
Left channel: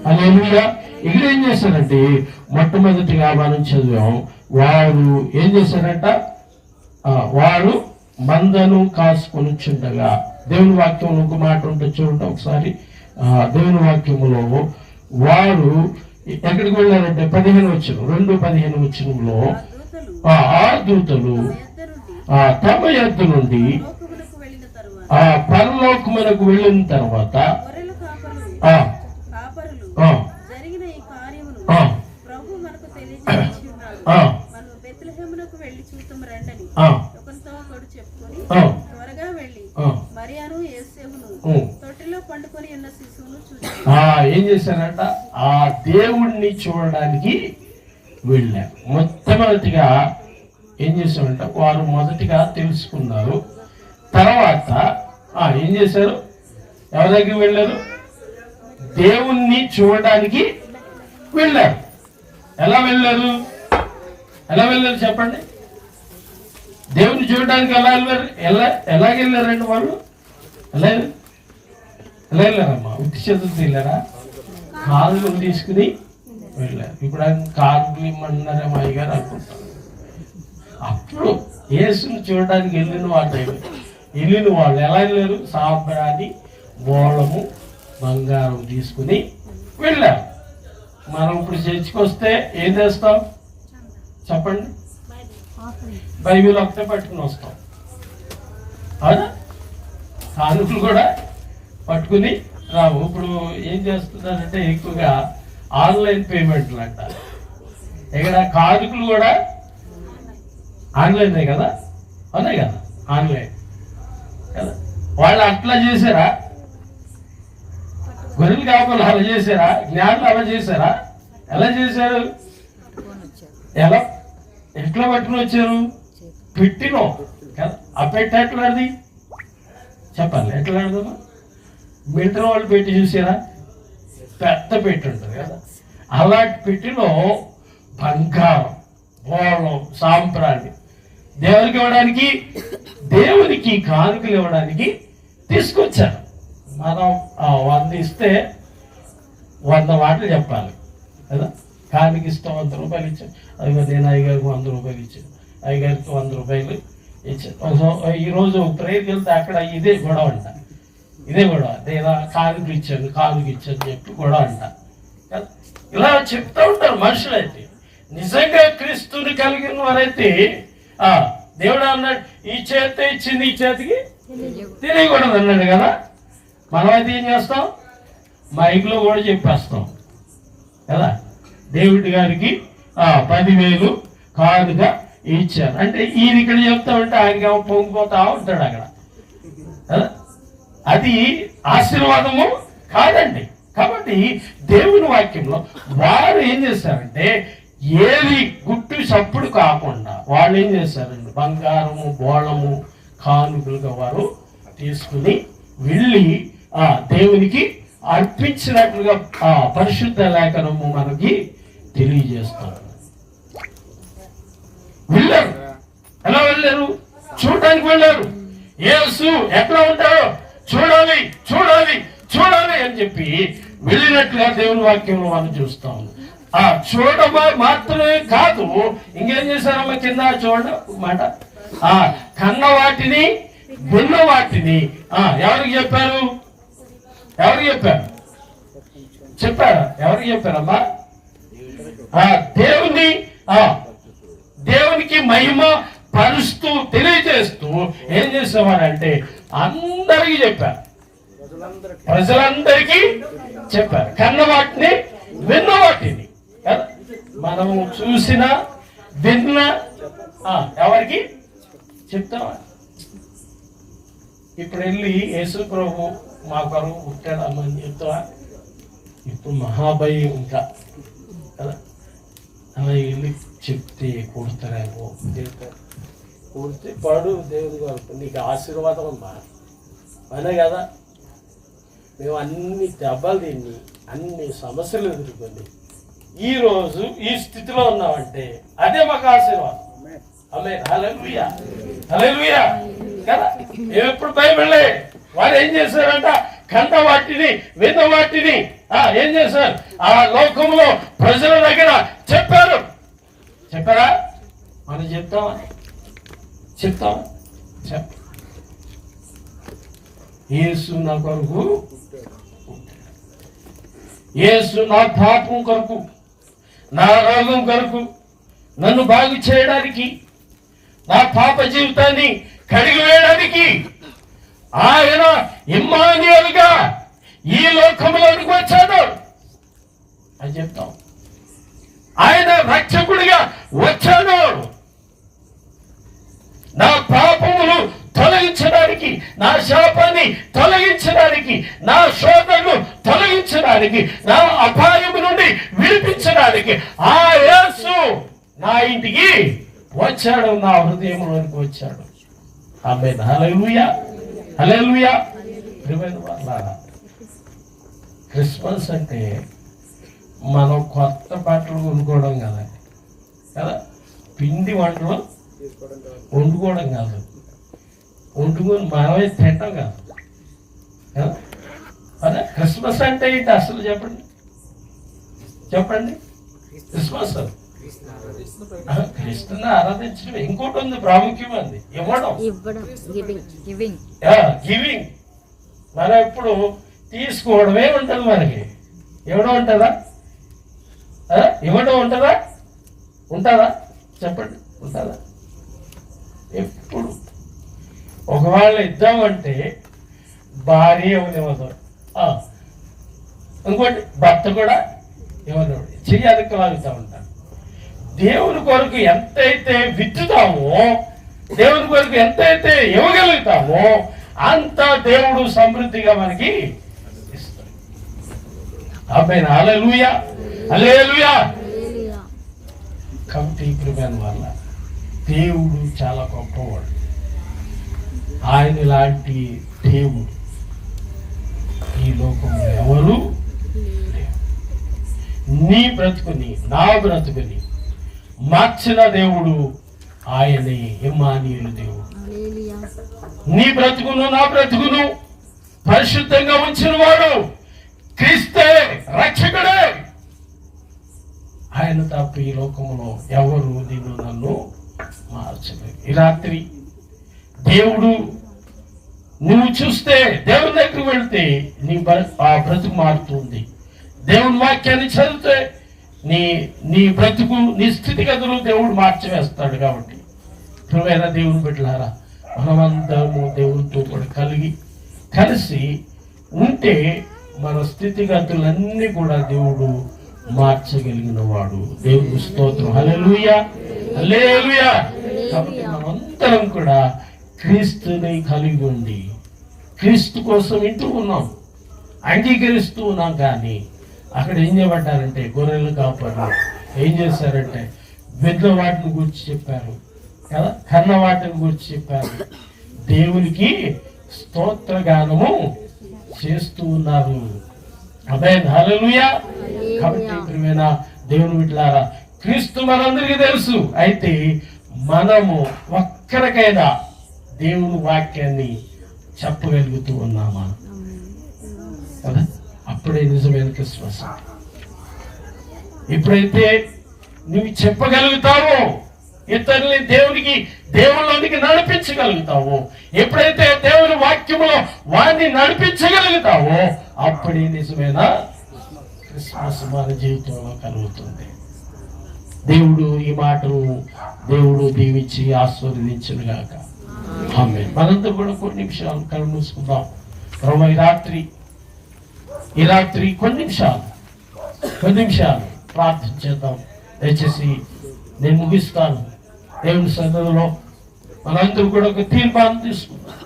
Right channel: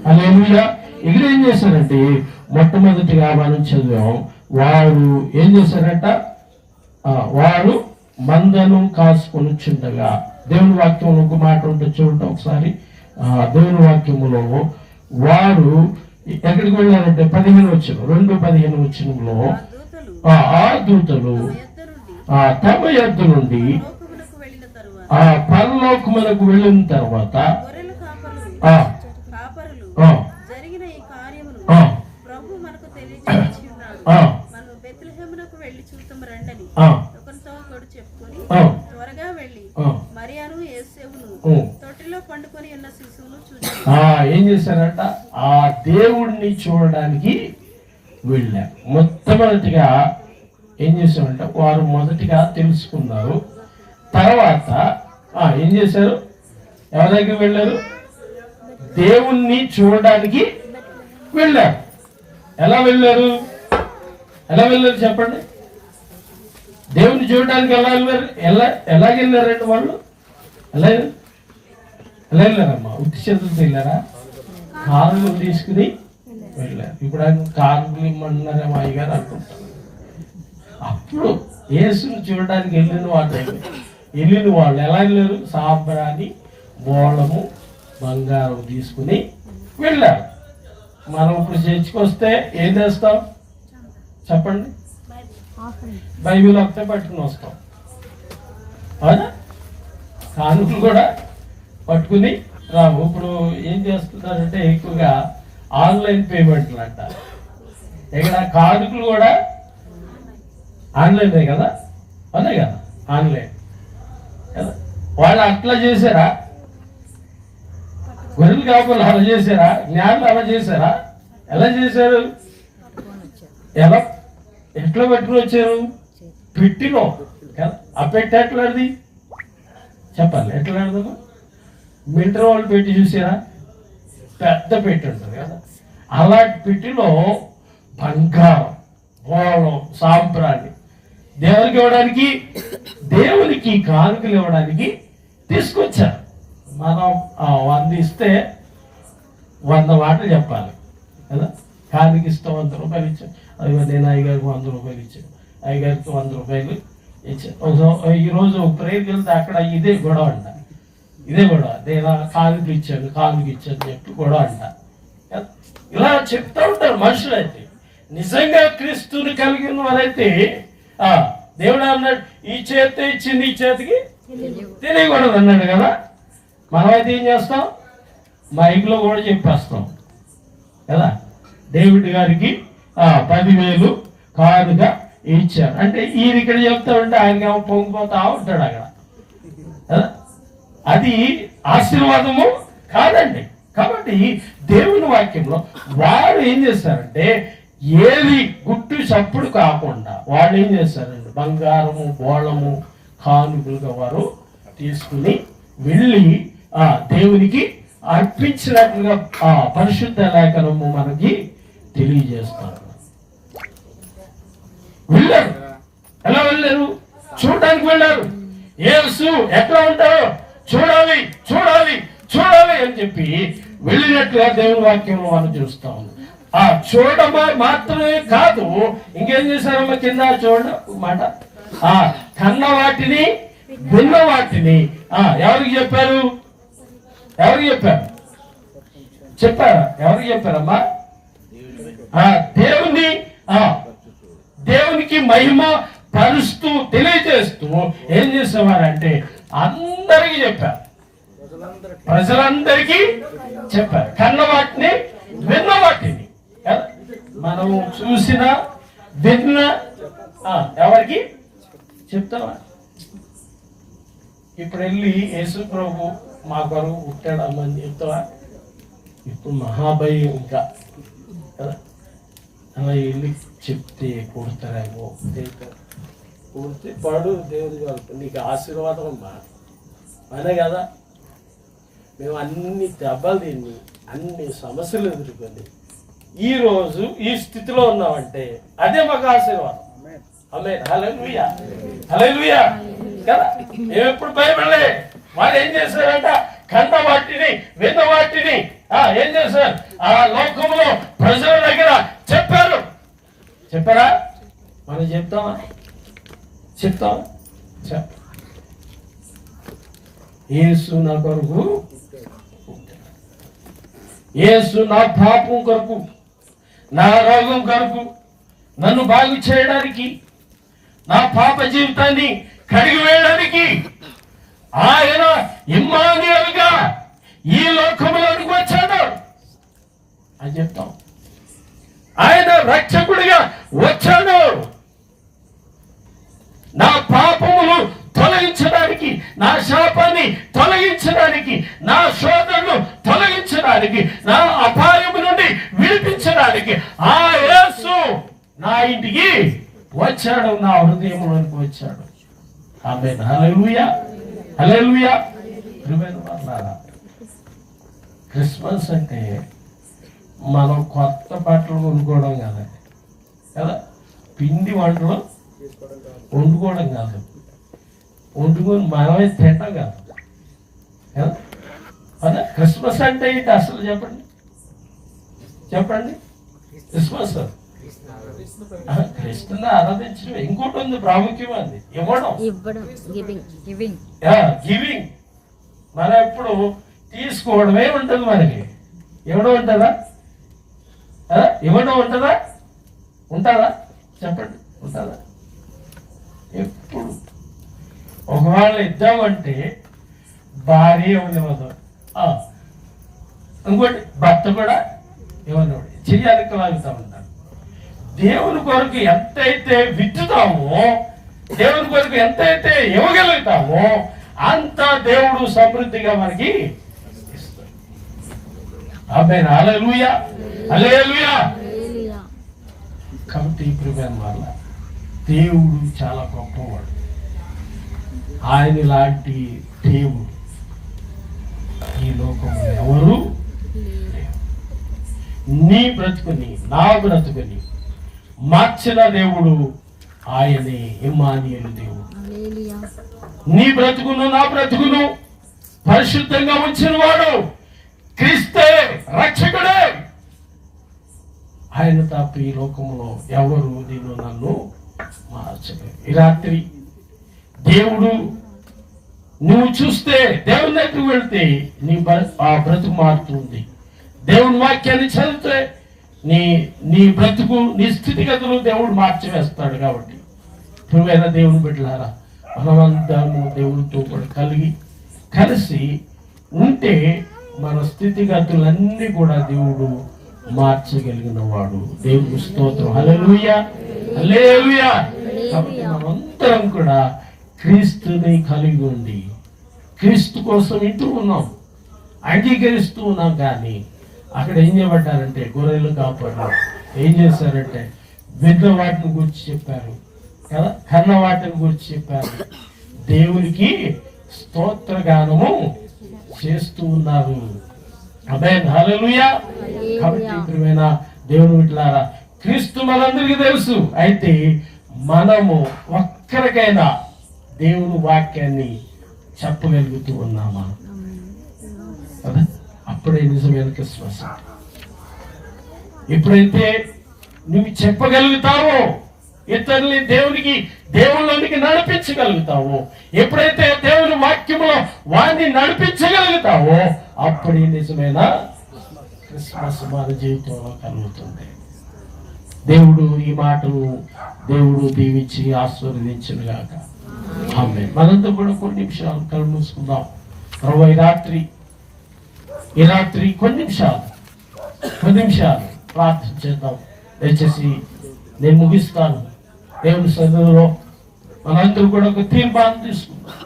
హల్లెలూయా. ఇక్కడ ఏం చేశారంటే, మొట్టమొదటిగా మనం చదివాం, వారు ఏం చేశారంట, వారు మందను కాసుకొనిచుండగా. దేవుని వాక్యంలో ఒక మాట ఉంటుంది చూడండి ఒకసారి. దేవుని వాక్యములో వారు ఎక్కడికి వెళ్ళారంటే 15 వచనం, 2:15 వచనంలో, ఆ దూతలు తమ యొద్ద నుండి పరలోకమునకు వెళ్ళిన తర్వాత ఏం చేశారంట, ఆ దేవుణ్ణి చూడడానికి వెళ్ళారు. మొట్టమొదటిగా ఏం చేశారంట, వారు మొదటిగా తెలుసుకున్నారు. తర్వాత ఏం చేశారు, ఎవరి దగ్గరికి వెళ్ళారు, దేవుణ్ణి చూడడానికి వెళ్ళారు. ఎలా వెళ్ళారు చెప్పండి. దేవుణ్ణి చూడడానికి ఎలా వెళ్ళారు, ఎలాగెళ్ళారండి వాళ్ళు? ఎలా వెళ్ళారమ్మా? ఉత్తి చేతులతో వెళ్ళారా? కారులు తీసుకుని వెళ్ళారు. ఇప్పుడు కారులు ఇమ్మన్నారేమో అయ్యగారు అనుకుంటారు. అప్పుడు యేసుని చూడడానికి వెళ్ళిన వాళ్ళు ఎలా వెళ్ళారు? సాంబ్రాణి, బోళము, బంగారం తీసుకుని వెళ్ళారు. మనం ఇప్పుడు చర్చికి వస్తే ఏం చేస్తాం చెప్పండి? బైబిల్ ఒకటే పట్టుకుని వస్తాం, అవునా? కానుకలు కూడా పట్టుకుని రావు. ఇప్పుడు ఏం చేస్తున్నారంటే ఎక్కువగా ఆన్లైన్ పేమెంట్లు అంట. ఇక్కడ కానుకలు కూడా ఆన్లైనే కదా, అదే కదా ఆన్లైన్ కదా. వాళ్ళు అట్లా చేశారా? గొర్రెలు కాపులు అలా చేశారా? జ్ఞానులు అలా చేశారా? ఎలా చేశారు? ఎట్లా పట్టుకుని వచ్చారు? పెట్టిలో కదా. ఆ పెట్టి ఎట్లాంటిది చెప్పాలి, ఎట్లాంటిది? మిలిటరీ వాళ్ళు పెట్టి చూసారా? పెద్ద పెట్టి ఉంటుంది కదా. అలాంటి పెట్టిలో బంగారం, బోళం, సాంప్రాణి దేవునికి ఇవ్వడానికి, దేవునికి కానుకలు ఇవ్వడానికి తీసుకొచ్చారు. మనం 100 ఇస్తే 100 మాటలు చెప్పాలి కదా. కానుక ఇస్తే 100 రూపాయలు ఇచ్చాను, అది నేను అయ్యగారికి 100 రూపాయలు ఇచ్చాను, అయ్యగారికి 100 రూపాయలు ఇచ్చాను. ఈరోజు ప్రేయర్కి వెళ్తే అక్కడ ఇదే గొడవ అంట, ఇదే గొడవ. నేను కానుక ఇచ్చాను చెప్పి గొడవ అంట. ఇలా చెప్తూ ఉంటారు మనుషులైతే. నిజంగా క్రీస్తుని కలిగిన వారైతే దేవుడు అన్నాడు, ఈ చేతి ఇచ్చింది ఈ చేతికి తెలియకూడదు అన్నాడు కదా. మనమైతే ఏం చేస్తాం, మైక్లో కూడా చెప్పేస్తాం కదా. డేవిడ్ గారికి 10,000 కానుక ఇచ్చారు అంటే ఈయన ఇక్కడ చెప్తామంటే ఆయన పొంగిపోతా ఉంటాడు అక్కడ కదా. అది ఆశీర్వాదము కాదండి. కాబట్టి దేవుని వాక్యంలో వారు ఏం చేస్తారంటే ఏది గుట్టు చప్పుడు కాకుండా వాళ్ళు ఏం చేస్తారండి, బంగారము బోళము కానుకలుగా వారు తీసుకుని వెళ్ళి దేవునికి అర్పించినట్లుగా పరిశుద్ధ లేఖనము మనకి తెలియజేస్తారు. వెళ్ళారు. ఎలా వెళ్ళారు? చూడటానికి వెళ్ళారు. యేసు ఎట్లా ఉంటారో చూడాలి చూడాలి చూడాలి అని చెప్పి వెళ్ళినట్లుగా దేవుని వాక్యంలో మనం చూస్తాం. చూడటం మాత్రమే కాదు, ఇంకేం చేశారమ్మా కింద చూడ మాట, కన్న వాటిని విన్న వాటిని ఎవరికి చెప్పారు? ఎవరికి చెప్పారు? చెప్పారా? ఎవరికి చెప్పారమ్మా? దేవునికి మహిమ పరుస్తూ తెలియజేస్తూ ఏం చేసేవారంటే అందరికీ చెప్పారు, ప్రజలందరికీ చెప్పారు. కన్న వాటిని విన్న వాటిని మనం చూసిన విన్న ఎవరికి చెప్తావా? ఇప్పుడు వెళ్ళి యేసు ప్రభు మా కొరకు పుట్టాడమ్మని చెప్తావా? ఇప్పుడు మహాభయం ఇంకా కదా. అలా వెళ్ళి చెప్తే కొడతారేమో, కొడితే పడు దేవుడి కొరకు నీకు ఆశీర్వాదం అమ్మా అనే కదా. మేము అన్ని దెబ్బలు తిని అన్ని సమస్యలు ఎదుర్కొని ఈరోజు ఈ స్థితిలో ఉన్నామంటే అదే మాకు ఆశీర్వాదం. ఆమేన్. హల్లెలూయా, హల్లెలూయా కదా. ఎప్పుడు భయపడలే. వారు ఏం చేశారంట, కన్న వాటిని విన్న వాటిని ఏం చేశారు, ఆ లోకంలో ప్రజల దగ్గర చెప్పారు. చెప్పారా? మనం చెప్తామా? యేసు నా కొరకు, యేసు నా పాపం కొరకు, నా రోగం కొరకు, నన్ను బాగు చేయడానికి, నా పాప జీవితాన్ని కడిగి వేయడానికి ఆయన ఇమ్మానుయేలుగా ఈ లోకంలోనికి వచ్చాడు అని చెప్తాం. ఆయన రక్షకుడిగా వచ్చాడు. నా పాపములు తొలగించడానికి, నా శాపాన్ని తొలగించడానికి, నా శోధనను తొలగించడానికి, నా అపాయము నుండి విడిపించడానికి ఆ యేసు నా ఇంటికి వచ్చాడు, నా హృదయంలోకి వచ్చాడు. ఆమేన్. హల్లెలూయా, హల్లెలూయా. క్రిస్మస్ అంటే మనం కొత్త బట్టలు కొనుక్కోవడం కాదండి కదా, పిండి వంటలు వండుకోవడం కాదు, వండుకొని మనమే తింటాం కాదు కదా. అదే క్రిస్మస్ అంటే ఏంటి అసలు చెప్పండి, చెప్పండి. క్రిస్మస్ క్రీస్తుని ఆరాధించడం. ఇంకోటి ఉంది ప్రాముఖ్యమైనది, ఇవ్వడం, గివింగ్. మనం ఎప్పుడు తీసుకోవడమే ఉంటుంది, మనకి ఇవ్వడం ఉంటుందా? ఇవ్వడం ఉంటుందా? ఉంటుందా? చెప్పండి, ఉంటుందా? ఎప్పుడు ఒకవేళ ఇద్దామంటే భార్య ఇవ్వనివ్వదు, ఇంకోటి భర్త కూడా ఇవ్వనివ్వడు, చెయ్యి అదుకు లాగుతూ ఉంటాం. దేవుని కొరకు ఎంతైతే విత్తుతామో, దేవుని కొరకు ఎంతైతే ఇవ్వగలుగుతామో అంత దేవుడు సమృద్ధిగా మనకి ఇస్తాడు. ఆమేన్. హల్లెలూయా, హల్లెలూయా. కాబట్టి ప్రియమైన వల్ల దేవుడు చాలా గొప్పవాడు. ఆయన లాంటి దేవుడు ఈ లోకంలో ఎవరు లేరు. నీ బ్రతుకుని, నా బ్రతుకుని మార్చిన దేవుడు ఆయనే ఇమ్మానుయేలు దేవుడు. హల్లెలూయా. నీ బ్రతుకును నా బ్రతుకును పరిశుద్ధంగా ఉంచిన వాడు క్రీస్తే, రక్షకుడే. ఆయన తప్ప ఈ లోకంలో ఎవరు నిన్ను నన్ను మార్చలేదు. ఈ రాత్రి దేవుడు నువ్వు చూస్తే, దేవుని దగ్గరికి వెళ్తే ఆ బ్రతుకు మారుతుంది. దేవుని వాక్యాన్ని చదివితే నీ బ్రతుకు, నీ స్థితిగతులు దేవుడు మార్చివేస్తాడు. కాబట్టి ప్రియమైన దేవుని బిడ్డలారా, మనమందరము దేవునితో కూడా కలిసి ఉంటే మన స్థితిగతులన్నీ కూడా దేవుడు మార్చగలిగిన వాడు. దేవుని స్తోత్రం. హల్లెలూయా, హల్లెలూయా. కాబట్టి మనమందరం కూడా క్రీస్తుని కలిగి ఉండి క్రీస్తు కోసం ఇంటూ ఉన్నాం, అంగీకరిస్తూ ఉన్నాం. కానీ అక్కడ ఏం చేయబడ్డారంటే, గొర్రెలు కాపాడు ఏం చేశారంటే విన్న వాటిని గురించి చెప్పారు కదా, కన్న వాటిని గురించి చెప్పారు. దేవునికి స్తోత్రగానము చేస్తూ ఉన్నారు. ఆమేన్, హల్లెలూయా. కాబట్టి ప్రియమైన దేవుని బిడ్డలారా, క్రీస్తు మనందరికీ తెలుసు. అయితే మనము ఒక్కరికైనా దేవుని వాక్యాన్ని చెప్పగలుగుతూ ఉన్నామా కదా? అప్పుడే నిజమైన క్రిస్మస్. ఎప్పుడైతే నువ్వు చెప్పగలుగుతావో, ఇతరుల్ని దేవుళ్ళలోనికి నడిపించగలుగుతావో, ఎప్పుడైతే దేవుని వాక్యములో వారిని నడిపించగలుగుతావో, అప్పుడే నిజమైన క్రిస్మస్ మన జీవితంలో కలుగుతుంది. దేవుడు ఈ మాటలు దీవించి ఆశీర్వదించును గాక. ఆమేన్. మనంతా కూడా కొన్ని నిమిషాలు కళ్ళు మూసుకుందాం. ప్రభు ఈ రాత్రి కొన్ని నిమిషాలు ప్రార్థన చేద్దాం. దయచేసి నేను ముగిస్తాను. దేవుని సన్నిధిలో మనందరూ కూడా ఒక తీర్మానం తీసుకుంటాం.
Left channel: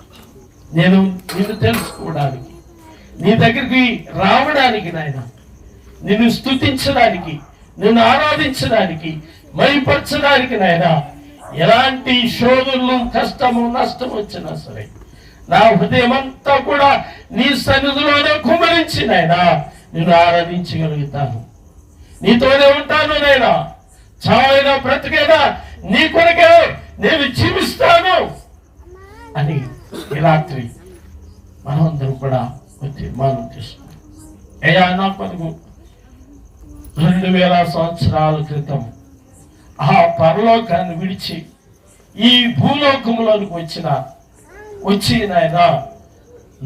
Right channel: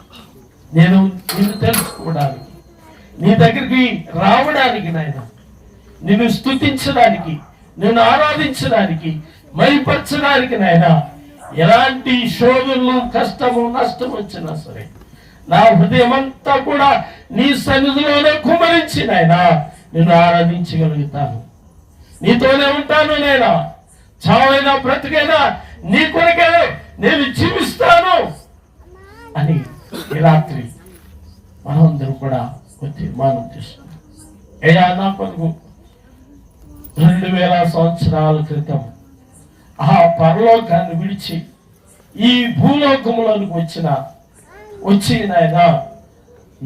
నేను నిన్ను తెలుసుకోవడానికి, నీ దగ్గరికి రావడానికి, నాయన నిన్ను స్తుతించడానికి, నిన్ను ఆరాధించడానికి, మహిమపరచడానికి, నాయన ఎలాంటి శోధనలు, కష్టము, నష్టం వచ్చినా సరే నా హృదయం అంతా కూడా నీ సన్నిధిలోనే కుమరించి నాయనా నిన్ను ఆరాధించగలుగుతాను. నీతోనే ఉంటాను నాయనా. చావైనా బ్రతికైనా నీ కొరకే నేను జీవిస్తాను అని ఈ రాత్రి మనమందరం కూడా తీర్మానం చేసుకున్నాం. అయ్యా, నా కొరకు 2000 సంవత్సరాల క్రితం ఆ పరలోకాన్ని విడిచి ఈ భూలోకంలోనికి వచ్చి నాయన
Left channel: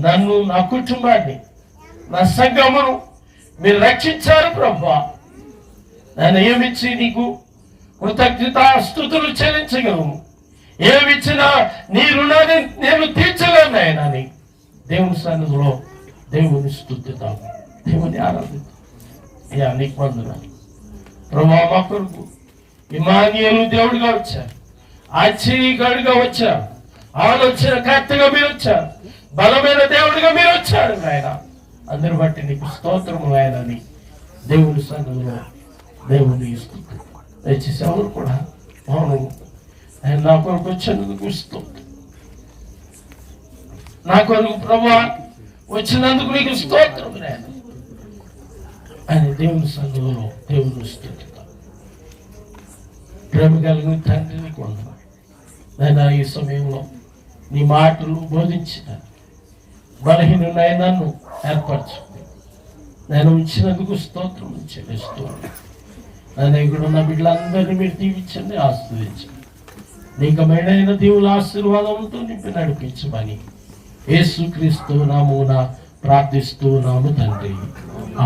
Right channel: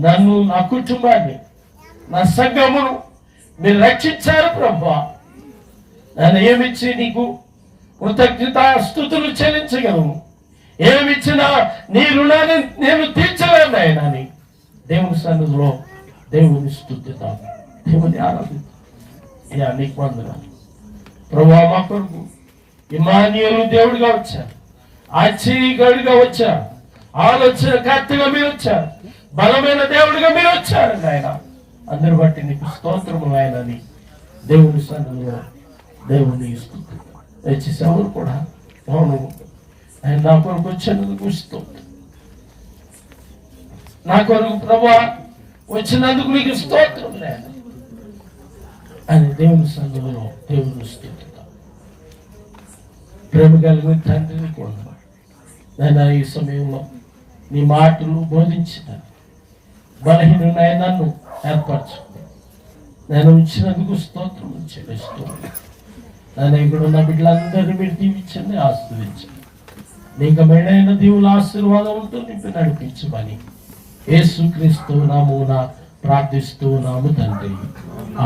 నన్ను, నా కుటుంబాన్ని, నా సంఘమును మీరు రక్షించారు ప్రభువా. నేను ఏమిచ్చి నీకు కృతజ్ఞతాస్తుతులు చెల్లించగలను? ఏమిచ్చినా నీ రుణాన్ని నేను తీర్చలేను ఆయనని దేవుని సన్నిధిలో దేవుని స్తుతిద్దాం, దేవుని ఆరాధిద్దాం. అయ్యా, నీకు వందనాలు ప్రభువా. మా కొరకు ఇమ్మానుయేలు దేవుడిగా వచ్చారు, ఆశ్చర్యగాడిగా వచ్చారు, ఆలోచనకర్తగా మీరు వచ్చారు, బలమైన దేవుడిగా మీరు వచ్చారు ఆయన. అందరి బట్టి నీకు స్తోత్రము ఆయనని దేవుని సన్నిధిలో దేవుని స్తుతి. దయచేసి ఎవరు కూడా అవును ఆయన నా కొరకు వచ్చినందుకు స్తోత్రం, నా కొరకు ప్రభువా వచ్చినందుకు నీకు స్తోత్రం ఆయన అని దేవుని సన్నిధిలో దేవుని స్తుతి. ప్రేమ కలిగిన తండ్రిని కూడా నేను ఈ సమయంలో నీ మాటలు బోధించిన బలహీనున్నాయ నన్ను ఏర్పరచుకుంది. నేను ఉంచినందుకు స్తోత్రం చెల్లిస్తూ నేను ఇక్కడ ఉన్న బిడ్డలందరినీ మీరు దీవించండి, ఆశీర్వదించండి. నీకు మేడైన దేవుల ఆశీర్వాదంతో నింపి నడిపించమని యేసుక్రీస్తు నామమున ప్రార్థిస్తూ ఉన్నాము తండ్రి.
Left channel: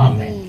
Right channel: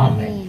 ఆమేన్.